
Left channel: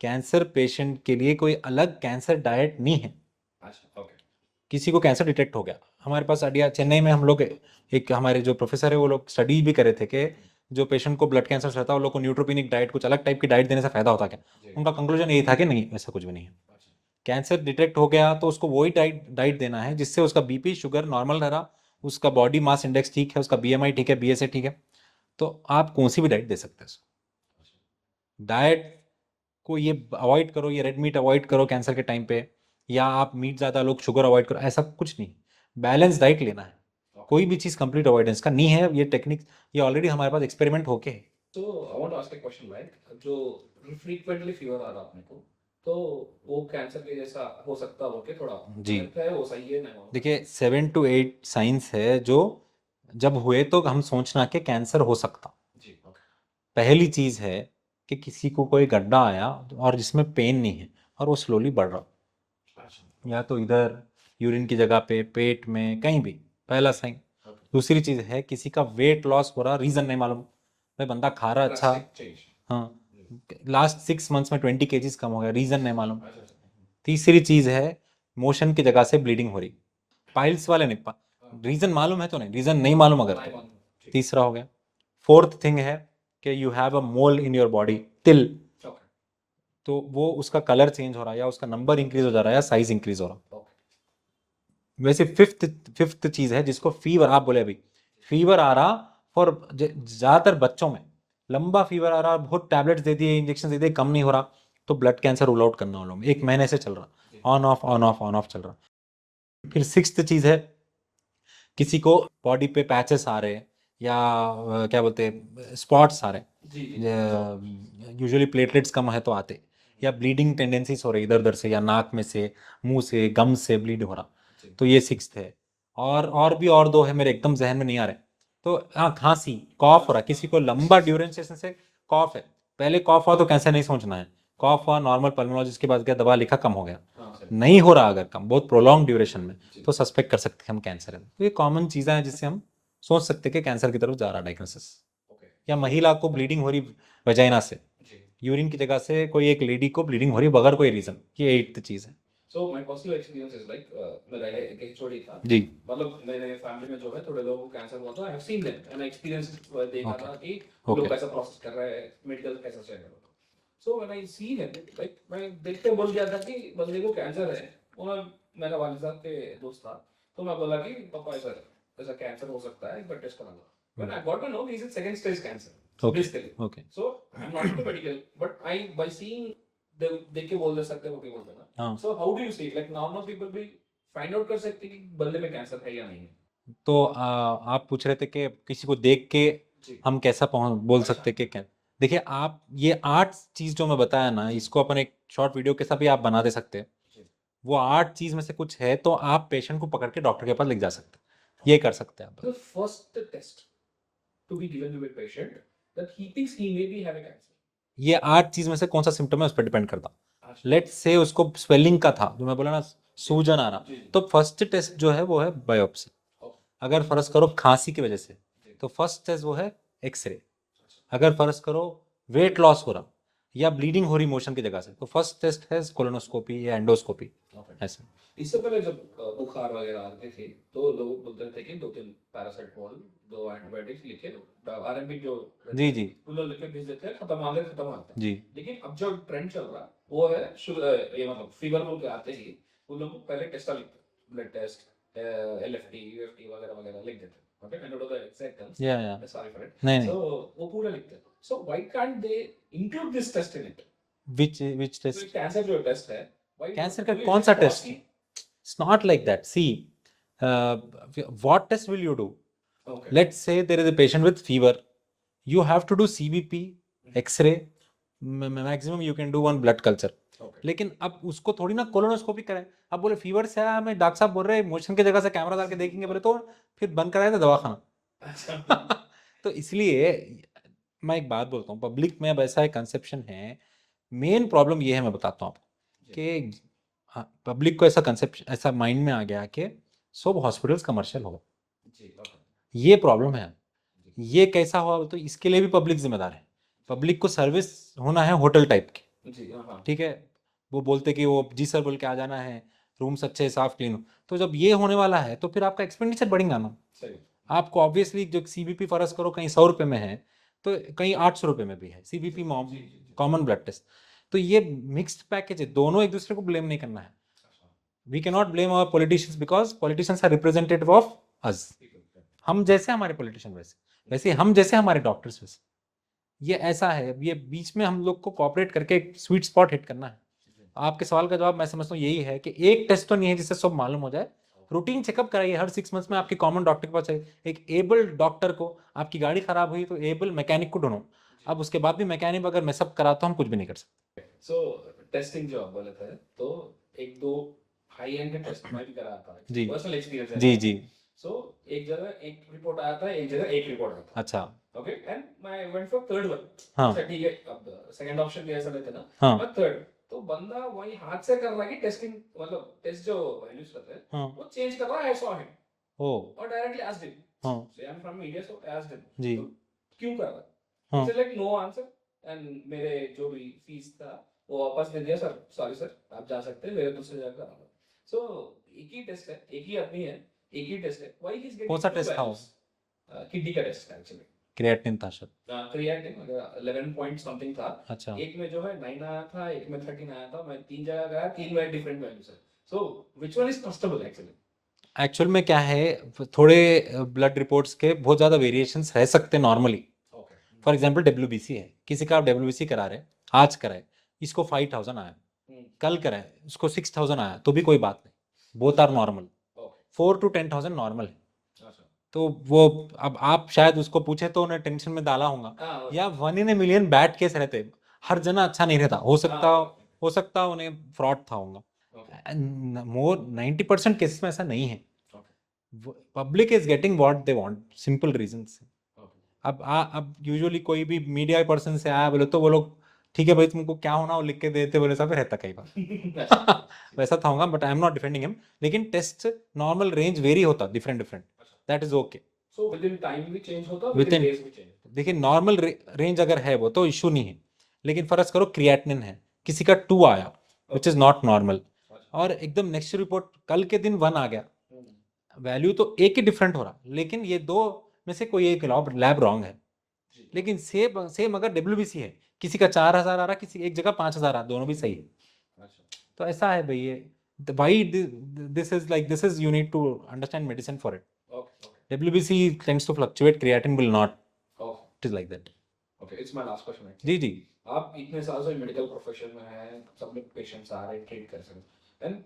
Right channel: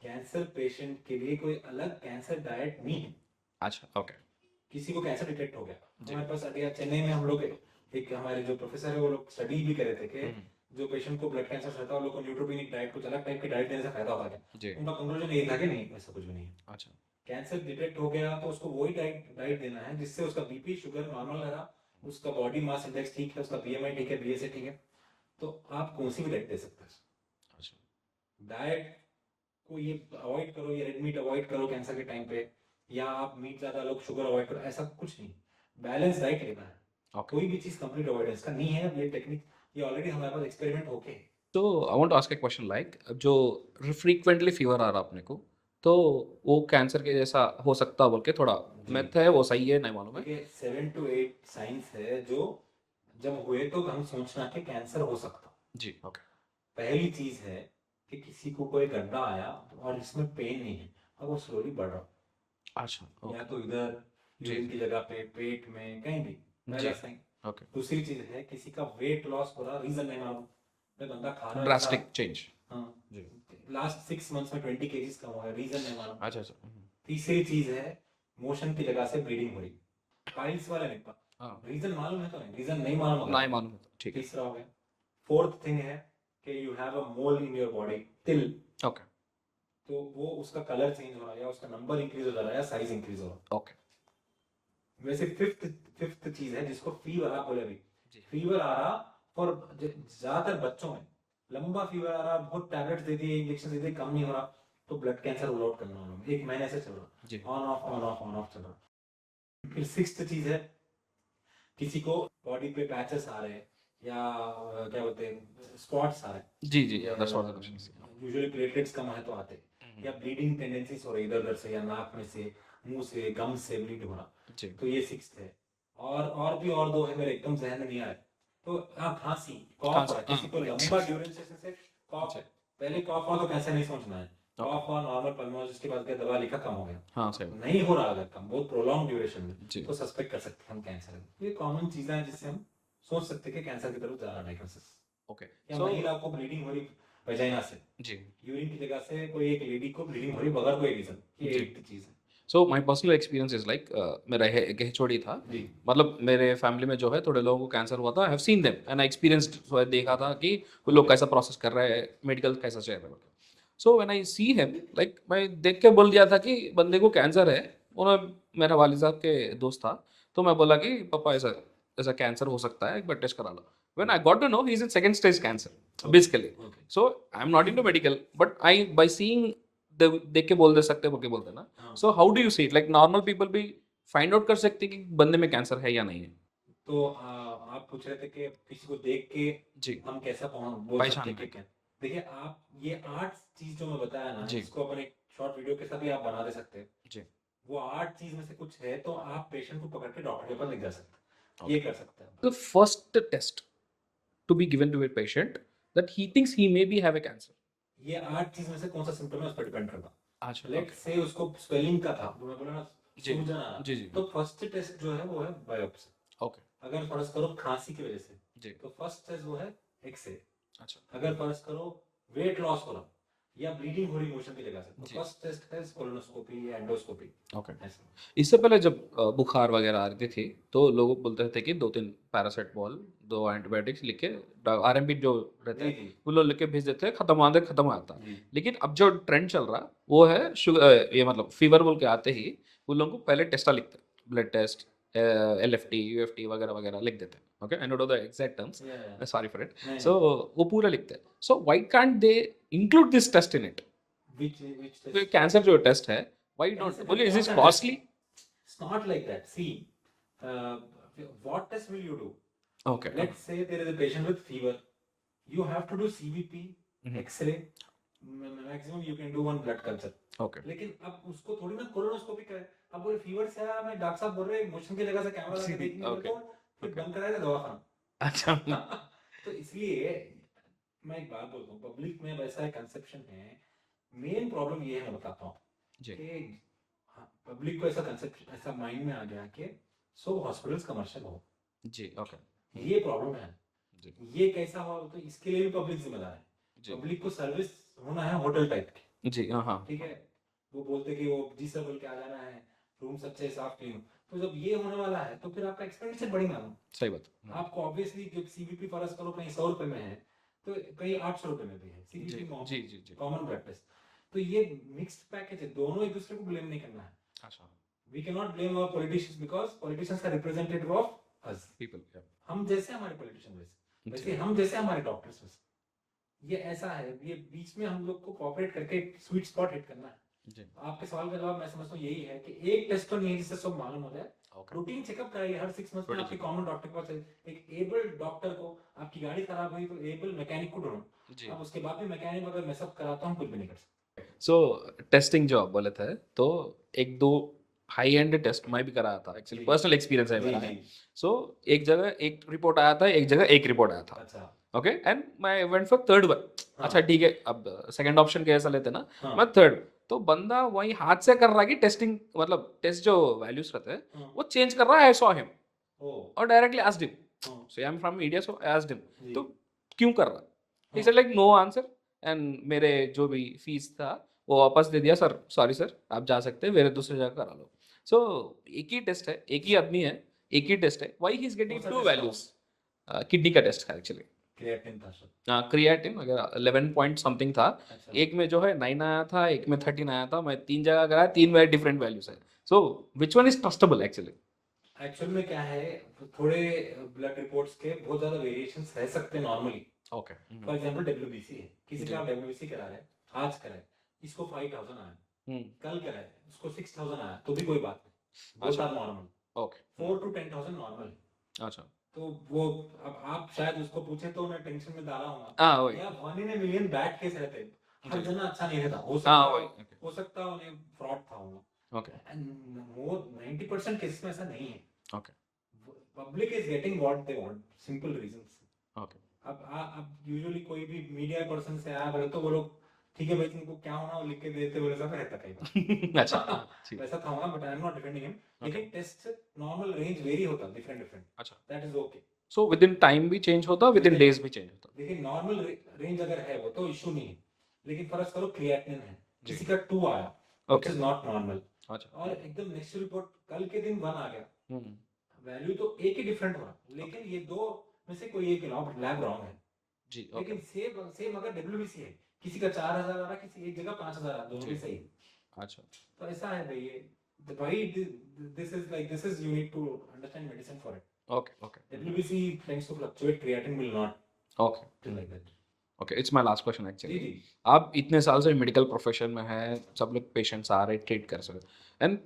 कैंसर पेशेंट के लिए कोई अलग कैंसर डाइट नहीं है। अच्छा, ओके। किसी को कैंसर डिटेक्ट हो गया, हमारे पास आइडिया, चेन्नई में हम लोग एक हमारे जो प्रोफेसर है वो लोग स्टडी भी करे थे कि जो पेशेंट को ब्लड कैंसर रहता है वो लोग को न्यूट्रोपिनिक डाइट, कुछ अलग टाइप की डाइट देने से फायदा होता क्या। जी। उनका कंक्लूजन यही था कि नहीं, ऐसा कुछ भी नहीं है। अच्छा। कैंसर डिटेक्ट हो गया तो उसको वही डाइट देना है जिससे उसका बीपी शुगर नॉर्मल रहा, उसका बॉडी मास इंडेक्स ठीक है, उसका बीएमआई ठीक है, बीएसए ठीक है, तो आप कौन सी भी डाइट दे सकते हैं। अच्छा। डाइट को ये अवॉइड करो, ये रेड मीट अवॉइड करो कैंसर के टाइम पे, या आप मीट ज़्यादा लोग शुगर अवॉइड करो, ऐसा कुछ नहीं। बैलेंस डाइट लेना है, ओके। कोई भी चीज़ कंप्लीट अवॉइडेंस का नहीं है। ये टेक्निक ये ऑलरेडी हमारे पास एक्सपेरिमेंट होके है। तो I want to ask a question like जो फ्रीक्वेंटली फीवर आ रहा अपने को, तो वो कैंसर के जैसा हो सकता है बोल के थोड़ा जी मिथ है, वो सही है नहीं मालूम है। देखिए 7 to 8 साइंस है जो जब हुए तो हम सोचना कि कैंसर हो सकता। जी, ओके। पहली चीज़ है कि किसी को कोई गड्ढा आया और जिसमें पेन नहीं है और वो स्लोली बढ़ रहा, अच्छा, या तो इधर यूरिन की जगह पे, पेट में, कहीं भी, पहला जी, साइन। ओके। दूसरी चीज़ है किसी का वेट लॉस हो रहा, रीज़न नहीं मालूम, भाई बंदा खा रहा अच्छा, ड्रास्टिक चेंज। हाँ, जी। लास्ट 6 मंथ्स में 20 kgs कम हो गया, रीज़न नहीं मालूम। अच्छा। तीसरी चीज़ है मोशन की जगह से ब्लीडिंग हो रही, पाइल्स वाले नहीं, हाँ, रीज़न मालूम है तो नहीं, रीज़न नहीं मालूम अगर नहीं तो। मालूम है तो ठीक। तीसरा हो गया। फोर्थ थिंग है कि you have a mole in your body, तिल, ओके, तो वो उसका कलर चेंज हो रहा है, या उसका नंबर इंक्रीज हो जा रहा है, या साइज इंक्रीज हो रहा है। ओके। वैसे फिफ्थ चीज है जिसको फीवर, आप बोले अभी जी। फीवर आ रहा, फॉर ज्यादातर बच्चों में लंबा फीवर आ रहा, बहुत टैबलेट्स दे दिए, इंजेक्शन दे दिए, कम नहीं हो रहा, तो ब्लड कैंसर रूल आउट करना, उन लोगों में 1 महीने से चल रहा, जी। On off on off on off चल रहा। फिर सिक्स्थ चीज है किसी को बॉडी पे पैचेस आ रहे, या क्या बोलते हैं स्पॉट्स आ जी, जी, जी, that's all. रहे, यूजुअली प्लेटलेट्स कम है तो आते, या ब्लीडिंग टेंडेंसीज हो रही इधर उधर से, या नाक में से, मुंह से, गम से ब्लीड हो रहा, जी। तो ये सिक्स्थ है। और भी और दो है मेरे एकदम जहन में नहीं आ रहे। तो हाँ, खांसी, कॉफ हो रहा, किसी को लंबा ड्यूरेशन से कॉफ है, पहले कॉफ हुआ तो कैसे नहीं सोचना है, कॉफ हुआ नॉर्मल पल्मोलॉजिस्ट के पास गया, दवा लिखा, कम हो गया, हाँ, सही। नहीं हो रहा अगर कम, बहुत प्रोलॉन्ग ड्यूरेशन में, जी। तो सस्पेक्ट कर सकते हैं हम कैंसर है। तो ये कॉमन चीज़ें हैं जिससे हम सोच सकते हैं कि कैंसर की तरफ जा रहा डायग्नोसिस। ओके। या So, महिला को ब्लीडिंग हो रही वजाइना से, जी। यूरिन की जगह से कोई एक लेडी को ब्लीडिंग हो रही बगैर कोई रीजन, ये जी। एट्थ चीज़ है। So my personal experience is like मेरा एक HOD था। जी मतलब मेरे फैमिली में जो है थोड़े लोगों को कैंसर हुआ था। I have seen them and I experienced, देखा था कि वो लोग ओके कैसा प्रोसेस कर रहे हैं, मेडिकल कैसा चल रहा है। So when I see him, like मैं देख के बोल दिया था कि बंदे को कैंसर है। उन्होंने, मेरा वालिद साहब के दोस्त था, तो मैं बोला कि पापा ऐसा ऐसा कैंसर हो सकता है, एक बार टेस्ट करा लो। When I got to know he is in second stage cancer basically. Okay so I am not into medical, but I by seeing देख के बोल दे सकते बोल के बोलते हैं ना। हाँ, सो how do you see it, like normal people भी फाइंड आउट कर सकते हैं कि बंदे में कैंसर है या नहीं है? तो आप पूछ रहे थे कि किसी को देख के जी। हम कैसा बोल सकते पहचान। कि क्या। देखिए आप ये 8 चीज जो मैं बताया ना, जी। इसको अपन एक शॉर्ट वीडियो के साथ भी आप बना दे सकते हैं। जी। वो 8 चीज में से कुछ है तो आप पेशेंट को पकड़ के डॉक्टर के पास लेके जा सकते हैं, ये कर सकते हैं आप। The first test to be given to a patient that he thinks he may be have a cancer. ये 8 चीज में से कौन सा सिम्टम है उस पर डिपेंड करता। अच्छा। लेट से उसको स्वेलिंग का था, जो मैं बोला ना, जी। सूजन आ रहा, जी, जी। तो फर्स्ट टेस्ट जो है वो है बायोप्सी। ओके। अगर फर्ज करो खांसी की वजह से, जी। तो फर्स्ट टेस्ट वो है एक्सरे। अच्छा। अगर फर्ज करो वेट लॉस हो रहा या ब्लीडिंग हो रही मोशन की जगह से, तो जी। फर्स्ट टेस्ट है कोलोनोस्कोपी या एंडोस्कोपी। ओके। ऐसे इससे पहले जब बुखार वगैरह आ रही थी, तो लोग बोलते थे कि 2-3 पैरासिटामोल, 2 एंटीबायोटिक्स लिख के, RMP जो रहते जी हैं जी वो लोग लिख के भेज देते हैं, खत्म आते खत्म आता। जी लेकिन अब जो ट्रेंड चल रहा वो है शुगर, ये मतलब फीवर बोल के आते ही वो लोग को पहले टेस्टा लिखते हैं, ब्लड टेस्ट, LFT, UFT वगैरह वगैरह लिख देते हैं। Okay, I don't know the exact terms, या सॉरी फॉर इट। नहीं सो नहीं, वो पूरा लिखते हैं। So why can't they include this test in it? Which तो टेस्ट? कैंसर जो टेस्ट है, व्हाई कैंसर नॉट का बोलिए, इज कौन इट सा test? Costly? It's not like that, see what test will you do? Okay. Let's say there is a patient with fever. You have to do CBP, X-ray. Maximum you can do one blood culture. Okay. लेकिन अब उसको थोड़ी ना colonoscopy कराएं। अब बोले fever से आया, हमें डॉक्टर साहब बोल रहे हैं मोशन की जगह से कैमरा डाल के देखेंगे, बोले तो फिर बंद कराया था दवाखाना। अच्छा। तो इसलिए मैं एक बात बोलता हूँ, पब्लिक में अब ऐसा एक कंसेप्शन है। मेन प्रॉब्लम ये है, मैं बताता हूँ आपको। जी कि पब्लिक को ऐसा कंसेप्ट, ऐसा माइंड में आ गया कि सब हॉस्पिटल्स कमर्शियल हो। जी ओके ये प्रॉब्लम है। जी ये कैसा हुआ तो इसके लिए भी पब्लिक जिम्मेदार है। जी पब्लिक को सर्विस होना है होटल टाइप की, जी हाँ हाँ ठीक है। वो बोलते कि वो जी सर बोल के आ जाना है, रूम्स अच्छे साफ क्लीन हो। तो जब ये होने वाला है तो फिर आपका एक्सपेंडिचर बढ़ेगा ना। सही बात आपको ऑब्वियसली जो सीबीपी फर्ज करो कहीं 100 रुपये में है तो कहीं 800 रुपये में भी है जी सीबीपी जी जी जी कॉमन ब्लड टेस्ट। तो ये मिक्स्ड पैकेज है, दोनों एक दूसरे को ब्लेम नहीं करना है। अच्छा we can not blame our politicians because politicians are representative of us. People हम जैसे हमारे पॉलिटिशियन वैसे, जी वैसे हम जैसे हमारे डॉक्टर्स वैसे। ये ऐसा है, ये बीच में हम लोग को कॉपरेट करके एक स्वीट स्पॉट हिट करना है। जी आपके सवाल का जवाब मैं समझता हूँ यही है कि एक टेस्ट तो नहीं है जिससे सब मालूम हो जाए। ओके रूटीन चेकअप कराइए हर 6 मंथ्स में, आपके Routine कॉमन डॉक्टर के पास जाइए। एक एबल डॉक्टर को, आपकी गाड़ी खराब हुई तो एबल मैकेनिक को ढूंढो। जी अब उसके बाद भी मैकेनिक अगर मैसअप करा तो हम कुछ भी नहीं कर सकते। सो टेस्टिंग जो आप बोले थे तो एक दो हाई एंड टेस्ट मैं भी करा था एक्चुअली जी पर्सनल एक्सपीरियंस है जी मेरा जी। है सो एक जगह एक रिपोर्ट आया था एक जगह एक रिपोर्ट आया था अच्छा। ओके एंड मैं वेंट फॉर थर्ड वन हाँ अच्छा ठीक है अब सेकंड ऑप्शन कैसा लेते ना हाँ मैं थर्ड तो बंदा वही हाथ से कर रहा है कि टेस्टिंग मतलब टेस्ट जो वैल्यूज रहते हैं हाँ। वो चेंज कर रहा है आई सॉ हिम ओ। और डायरेक्टली आस्क्ड हिम हाँ so I am from media so I asked him जी। तो क्यों कर रहा है ही हाँ said like no answer and मेरे जो भी फीस था वो वापस दे दिया सर सॉरी सर आप जा सकते हैं मेरे दूसरी जगह करा लो सो एक ही टेस्ट है एक ही आदमी है एक ही टेस्ट है वाई ही इज कौन गेटिंग सा टू टेस्ट था वो? वैल्यूज किडनी का टेस्ट है एक्चुअली क्रिएटिन था शायद। क्रिएटिन वगैरह 11 पॉइंट समथिंग था अच्छा। एक में जो है 9 आया था एक में 13 आया था मैं तीन जगह गया तीन वेरी डिफरेंट वैल्यूज है so which one is trustable actually actual में क्या है, थोड़े ब्लड रिपोर्ट्स के बहुत ज़्यादा वेरिएशंस रह सकते हैं normally. Okay for example WBC है, किसी का जी आप डब्ल्यूबीसी करा रहे, आज कराए, इसको 5000 आया, हम्म कल कराए उसको 6000 आया तो भी कोई बात नहीं, बोथ अच्छा are normal. Okay 4 to 10,000 normal है। अच्छा तो वो, अब आप शायद उसको पूछे तो उन्हें टेंशन में डाला होगा, हाँ वही या 1 in a million bad case रहते, हर जी जना अच्छा नहीं रहता, हो हाँ सकता, वही हो सकता उन्हें फ्रॉड था होगा। ओके मोर 90% केसेस में ऐसा नहीं है। Okay public is getting what they want, simple reasons. Okay अब यूजुअली कोई भी मीडिया पर्सन से आया बोले तो वो लोग, ठीक है भाई तुमको क्या होना वो लिख के देते बोले, सब रहता कई अच्छा बार। जी वैसा था होगा, but I am not defending him. लेकिन टेस्ट नॉर्मल रेंज वेरी होता, डिफरेंट डिफरेंट, अच्छा that is okay. So with in time भी चेंज होता with with in in, days भी चेंज होता देखिए नॉर्मल रेंज अगर है वो तो इशू नहीं है। लेकिन फर्ज करो क्रिएटिनिन है, जी किसी का 2 आया, विच ओके इज नॉट नॉर्मल, अच्छा और एकदम नेक्स्ट रिपोर्ट कल के दिन 1 आ गया, हम्म, वैल्यू तो एक ही डिफरेंट हो रहा, लेकिन ये दो में से कोई एक लैब रॉन्ग है। जी ओके लेकिन सेम सेम अगर डब्ल्यूबीसी है, किसी का 4000 आ रहा, किसी एक जगह 5000 आ रहा, दोनों भी सही है। अच्छा तो ऐसा है भाई ये, भाई this is like, this is, you need to understand medicine for it. Okay okay WBC tends to fluctuate, creatine will not, okay it is like that. Okay it's my last question जी actually जी आप इतने साल से medical profession में हैं सब लोग पेशेंट्स आ रहे ट्रीट कर सकते and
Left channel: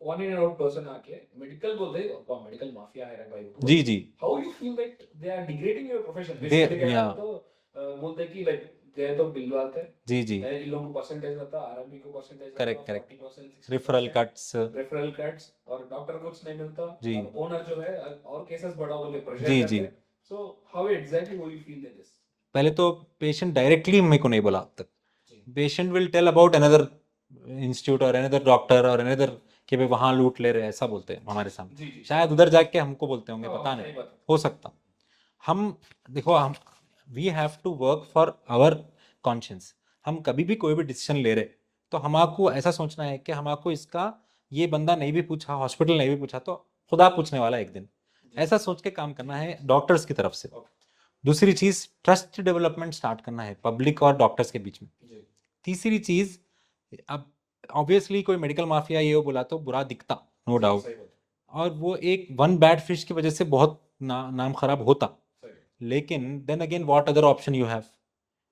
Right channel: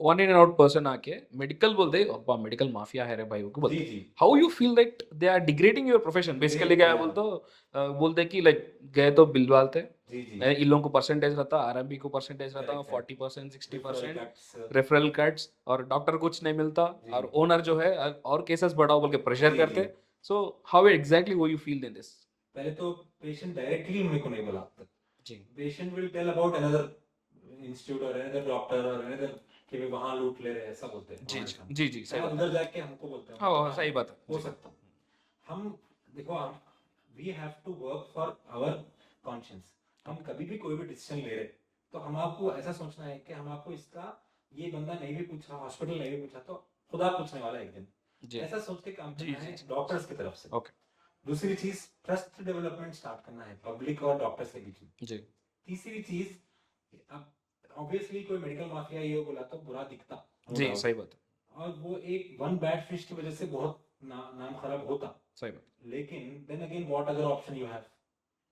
one in out person आके मेडिकल बोल दे अब्बा मेडिकल माफिया है रे भाई वो जी बोलते जी। How you feel that they are degrading your profession they basically क्या या, बोल तो बोलते कि लाइक गए तो बिल डालते जी जी, इन लोगों को परसेंटेज रहता आरएमबी को परसेंटेज रहता correct correct, 40% referral 60% cuts, referral cuts और डॉक्टर कुछ नहीं मिलता जी और ओनर जो है और केसेस बढ़ाओ बोल के प्रेशर जी जी। करते सो हाउ एग्जैक्टली वो यू फील इन दिस पहले तो पेशेंट डायरेक्टली मेरे को नहीं बोला अब तक, जी patient will tell about another institute और अनदर डॉक्टर और अनदर, कि भाई वहाँ लूट ले रहे हैं, ऐसा बोलते हैं जी हमारे जी सामने। जी जी शायद उधर जाके हमको बोलते होंगे, हाँ पता सही नहीं, बात है हो सकता। हम, देखो हम, we have to work for our conscience. हम कभी भी कोई भी डिसीजन ले रहे तो हमको ऐसा सोचना है कि हमको इसका, ये बंदा नहीं भी पूछा, हॉस्पिटल नहीं भी पूछा तो खुदा पूछने वाला है एक दिन, जी ऐसा सोच के काम जी करना जी है जी डॉक्टर्स की तरफ से। ओके दूसरी चीज, ट्रस्ट डेवलपमेंट स्टार्ट करना है पब्लिक और डॉक्टर्स के बीच में। जी तीसरी चीज, अब ऑब्वियसली कोई मेडिकल माफिया ये वो बोला तो बुरा दिखता, नो जी डाउट, सही बात है और वो एक वन बैड फिश की वजह से बहुत नाम खराब होता। सही बात लेकिन then again what other option you have,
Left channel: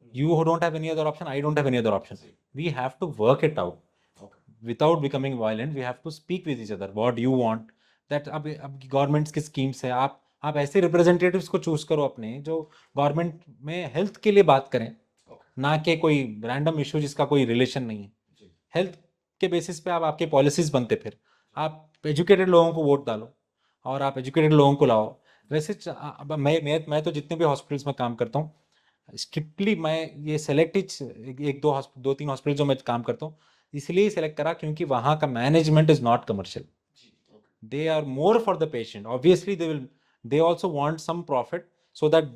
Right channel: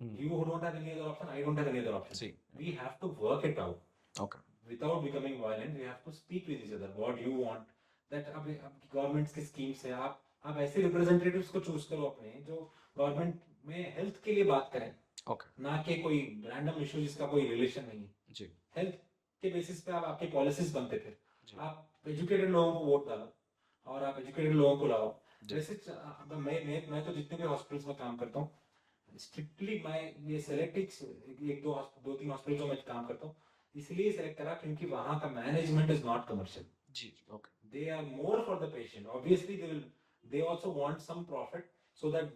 hmm, you don't have any other option, I don't have any other option, जी we have to work it out okay without becoming violent, we have to speak with each other what you want, that अब governments की schemes है, आप ऐसे representatives को choose करो अपने जो गवर्नमेंट में हेल्थ के लिए बात करें, ओके ना कि कोई रैंडम इशू जिसका कोई रिलेशन नहीं है। जी हेल्थ के बेसिस पे आप, आपके पॉलिसीज बनते, फिर जी आप एजुकेटेड लोगों को वोट डालो और आप एजुकेटेड लोगों को लाओ। जी वैसे अब मैं तो जितने भी हॉस्पिटल्स में काम करता हूँ, स्ट्रिक्टली मैं ये सेलेक्ट ही, एक दो तीन हॉस्पिटल जो मैं काम करता हूँ, इसलिए सेलेक्ट करा क्योंकि वहाँ का मैनेजमेंट इज नॉट कमर्शियल. जी, okay. They are more for the patient. Obviously they also want some profit so that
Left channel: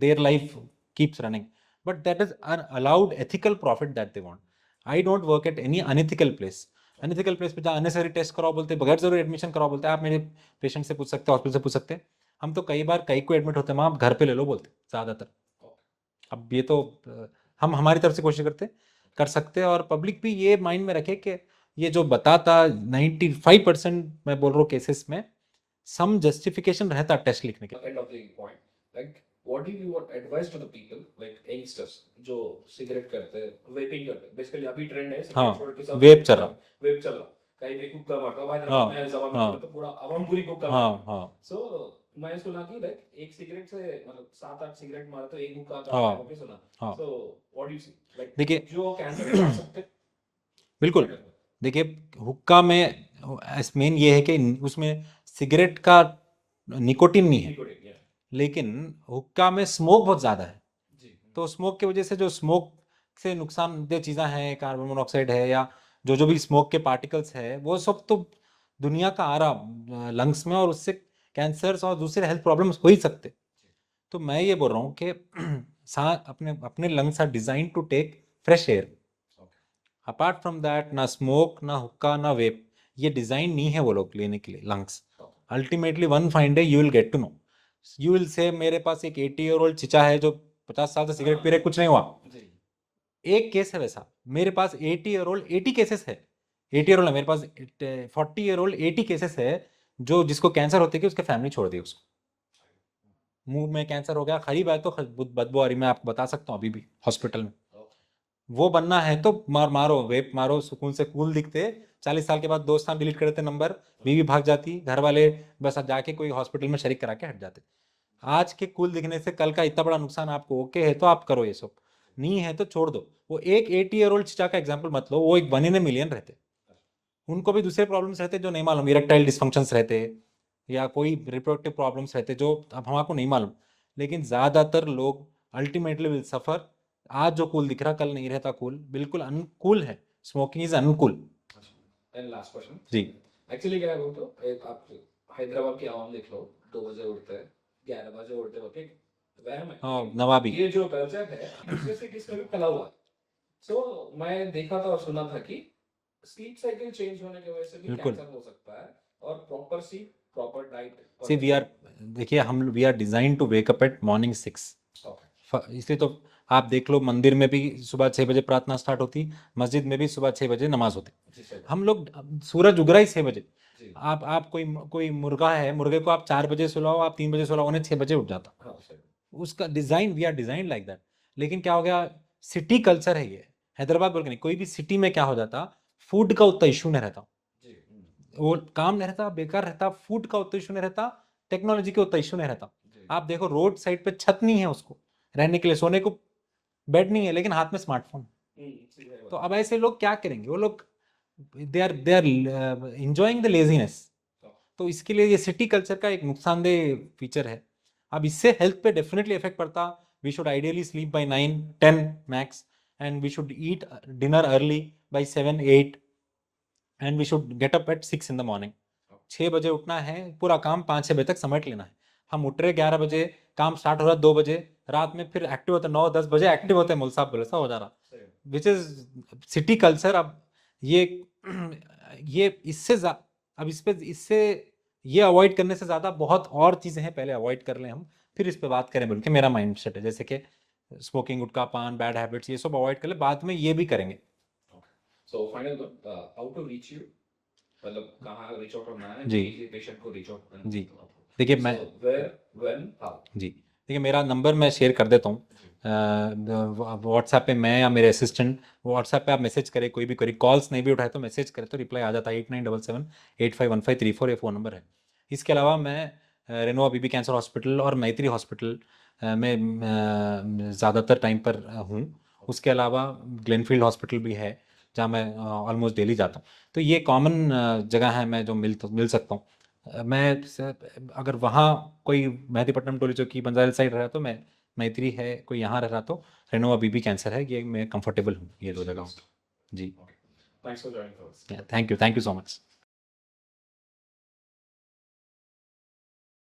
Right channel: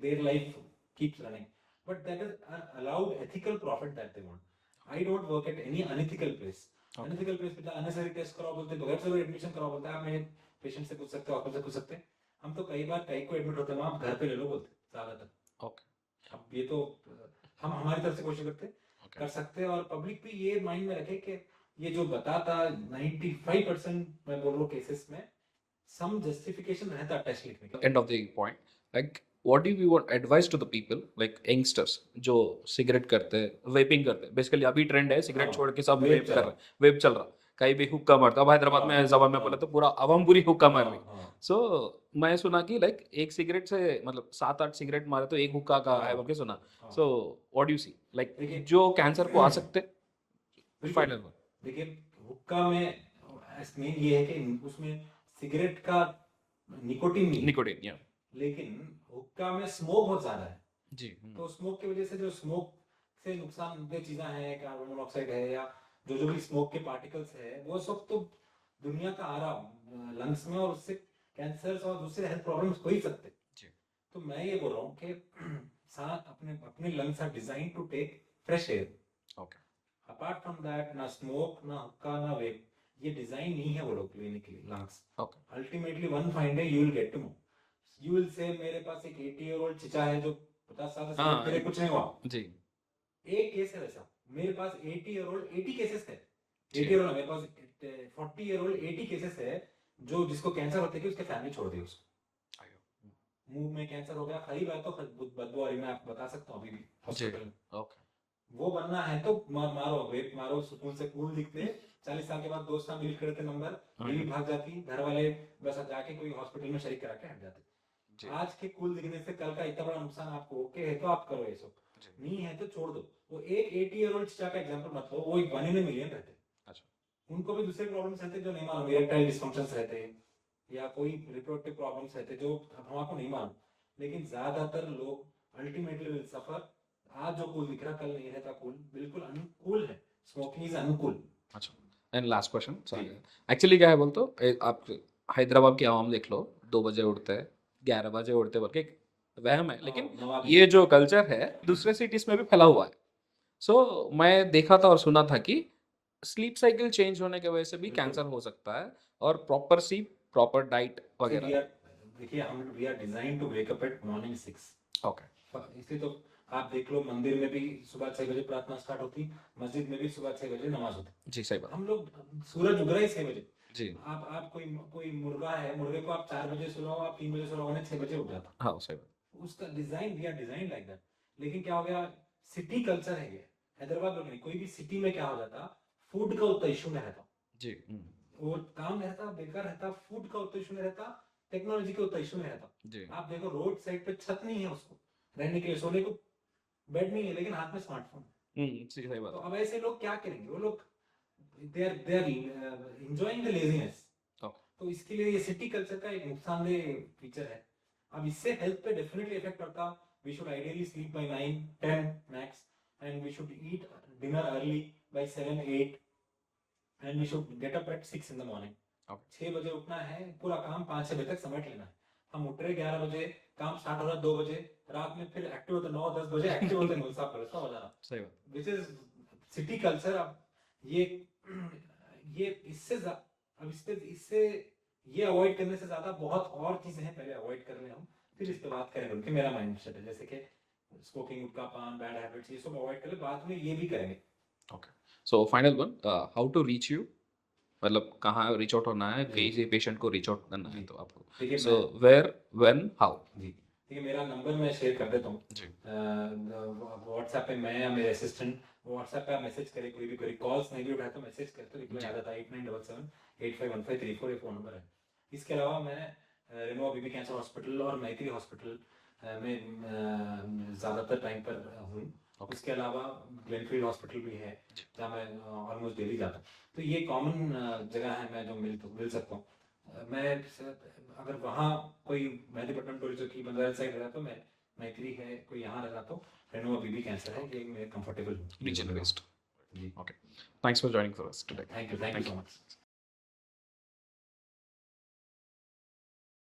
their life keeps running, but that is an allowed ethical profit that they want. I don't work at any unethical place. Unethical place पे जहाँ unnecessary test कराओ बोलते हैं, बगैर जरूरी admission कराओ बोलते हैं, आप मेरे पेशेंट से पूछ सकते हैं, हॉस्पिटल से पूछ सकते हैं. हम तो कई बार कई को एडमिट होते हैं वहाँ, आप घर पे ले लो बोलते हैं ज़्यादातर. ओके. अब ये तो हम हमारी तरफ से कोशिश करते हैं, कर सकते हैं. और पब्लिक भी ये माइंड में रखे कि ये जो बताता 95% मैं बोल रहा हूँ केसेस में सम जस्टिफिकेशन रहता टेस्ट लिखने के. End of the point, like what do you want advice to the people like youngsters जो सिगरेट करते हैं, वेपिंग करते हैं, बेसिकली अभी ट्रेंड है सिगरेट हाँ, छोड़ के सब वेप चल रहा. वेप चल रहा, कहीं भी हुक्का मारता. अब हैदराबाद हाँ, में जबान में हाँ, बोले तो पूरा अवाम पूरी हुक्का मार हाँ, रही. हाँ, सो मैं सुना कि लाइक एक सिगरेट से मतलब 7-8 सिगरेट मारे तो एक हुक्का का है, हाँ, ओके सुना. हाँ. So what do you see like देखिए जो कैंसर को आ सकते बिल्कुल. फाइनल देखिए हुक्का में मेन ये है कि उसमें सिगरेट का निकोटिन नहीं है, निकोटीन या लेकिन हुक्का में स्मोक बहुत ज़्यादा है. जी. तो स्मोक की वजह से जो स्मोक से नुकसानदेह चीज़ें हैं, कार्बन मोनोऑक्साइड है या जो भी स्मोक के पार्टिकल्स है, वो सब तो दुनिया का आ रहा लंग्स में, और उससे कैंसर्स और दूसरे हेल्थ प्रॉब्लम्स हो ही सकते. जी. तो मैं ये बोल रहा हूँ कि अपने अपने lungs are design to take fresh air. Okay. Apart from that ना स्मोक, ना हुक्का, ना वेप, ये डिजाइन नहीं है वो लोग लेने के लिए lungs. Okay. Ultimately one fine day you will get to know, you will say मेरे पास एक 80-year-old चिचा है जो 50 साल से सिगरेट पी रहे, कुछ नहीं हुआ. जी. एक केस है वैसा. मेरे पास 80-year-old 80 केसेस है. 80-year-old है मेरे पास, 40-year-old 80 केसेस है जो जिसको कैंसर होते कि उसके फैमिली छोड़ दी उसको. मुंह में कैंसर हो गया, खरीब है तो बदबू आ रही, मैं आपको बता सकता हूँ अभी भी हॉस्पिटल में. ओके. वो बनना है तो मारो वेप मारो, सुकून से कूल दिखते. 40 साल के बाद दोस्त डिलीट कर देते नंबर, बीवी भाग जाती, घर वाले बस जाके कोई हॉस्पिटल में शरीक करा के हट जाते. आज के कूल दिखने से कल का इतना बड़ा नुकसान आपको. ओके है तो आप करो ये सब, नहीं है तो छोड़ दो. वो एक 80-year-old चिचा का एग्जाम्पल मत लो, वो एक 1 in a million रहते. उनको भी दूसरे प्रॉब्लम्स रहते जो नहीं मालूम, इरेक्टाइल डिस्फंक्शंस रहते या कोई रिप्रोडक्टिव प्रॉब्लम्स रहते जो अब हमको नहीं मालूम. लेकिन ज़्यादातर लोग अल्टीमेटली विल सफ़र. आज जो कूल दिख रहा कल नहीं रहता कूल, बिल्कुल अनकूल है. Smoking is uncool. अच्छा. एंड लास्ट क्वेश्चन जी. एक्चुअली क्या है बोल तो आप हैदराबाद की आवाम देख लो, 2 बजे उठते हैं, 11 बजे उठते बोल के वहम है, लेकिन नवाबी. ये जो कल्चर है दूसरे सिटीज में भी फैला हुआ है. सो मैं देखा था और सुना था कि स्लीप साइकिल चेंज होने की वजह से भी बिल्कुल. कैंसर हो सकता है, और proper sleep, proper diet see we are, देखिए हम we are design to wake up at morning 6. Okay. इसलिए तो आप देख लो मंदिर में भी सुबह 6 बजे प्रार्थना स्टार्ट होती, मस्जिद में भी सुबह 6 बजे नमाज होती. जी सही बात. हम लोग सूरज उग रहा ही 6 बजे. जी. आप कोई मुर्गा है, मुर्गे को आप 4 बजे सुलाओ, आप 3 बजे सुलाओ, उन्हें 6 बजे उठ जाता. हाँ सही बात. उसका design, we are design like that. लेकिन क्या हो गया, सिटी कल्चर है ये. हैदराबाद बोल के नहीं, कोई भी सिटी में क्या हो जाता, फूड का उतना इशू नहीं रहता. जी. वो काम नहीं रहता, बेकार रहता, फूड का उतना इशू नहीं रहता, टेक्नोलॉजी का उतना इशू नहीं रहता. जी. आप देखो रोड साइड पे छत नहीं है उसको रहने के लिए, सोने को बेड नहीं है, लेकिन हाथ में स्मार्टफोन. सही तो बात. अब ऐसे लोग क्या करेंगे, वो लोग they are enjoying the laziness. तो इसके लिए ये सिटी कल्चर का एक नुकसानदेह फीचर है. अब इससे हेल्थ पे डेफिनेटली इफेक्ट पड़ता. We should ideally sleep by 9-10 max, and we should eat dinner early by 7-8, and we should get up at 6 in the morning. 6 बजे उठना है, पूरा काम 5-6 बजे तक समेट लेना है. हम उठ रहे 11 बजे, काम स्टार्ट हो रहा 2 बजे, रात में फिर एक्टिव होता 9-10 बजे एक्टिव होते हैं, मुल्क साहब बोले सा हो जा रहा. सही बात. Which is city culture. अब ये अब इससे ये अवॉइड करने से ज़्यादा बहुत और चीज़ें हैं, पहले अवॉइड कर लें हम, फिर इस पे बात करें बोल के मेरा माइंड सेट है. जैसे कि स्मोकिंग, गुटखा पान, बैड हैबिट्स, ये सब अवॉइड कर ले, बाद में ये भी करेंगे. Okay. So final one, how to reach you, मतलब कहाँ रीच आउट होना है, जी. किसी पेशेंट को रीच आउट करना जी. है तो आपको देखिए मैं, वेयर, व्हेन, हाउ. जी देखिए मेरा नंबर मैं शेयर कर देता हूँ. जी. व्हाट्सएप पे मैं या मेरे असिस्टेंट, व्हाट्सएप पे आप मैसेज करें, कोई भी करी, कॉल्स नहीं भी उठाए तो मैसेज करें तो रिप्लाई आ जाता है. 8977-851534 ये फ़ोन नंबर है. इसके अलावा मैं रेनोवा बीबी कैंसर हॉस्पिटल और मैत्री हॉस्पिटल में ज़्यादातर टाइम पर हूँ. उसके अलावा ग्लेनफील्ड हॉस्पिटल भी है जहाँ मैं ऑलमोस्ट डेली जाता हूँ. तो ये कॉमन जगह है मैं जो मिल सकता हूँ. अगर वहाँ कोई मेहदीपट्टनम, टोली चौकी, बंजारा साइड रहा तो मैं, मैत्री है कोई यहाँ रह रहा तो रेनोवा बीबी कैंसर है, ये मैं कंफर्टेबल हूँ ये दो जगह. जी. Okay. Thanks for joining for us. Thank you so much.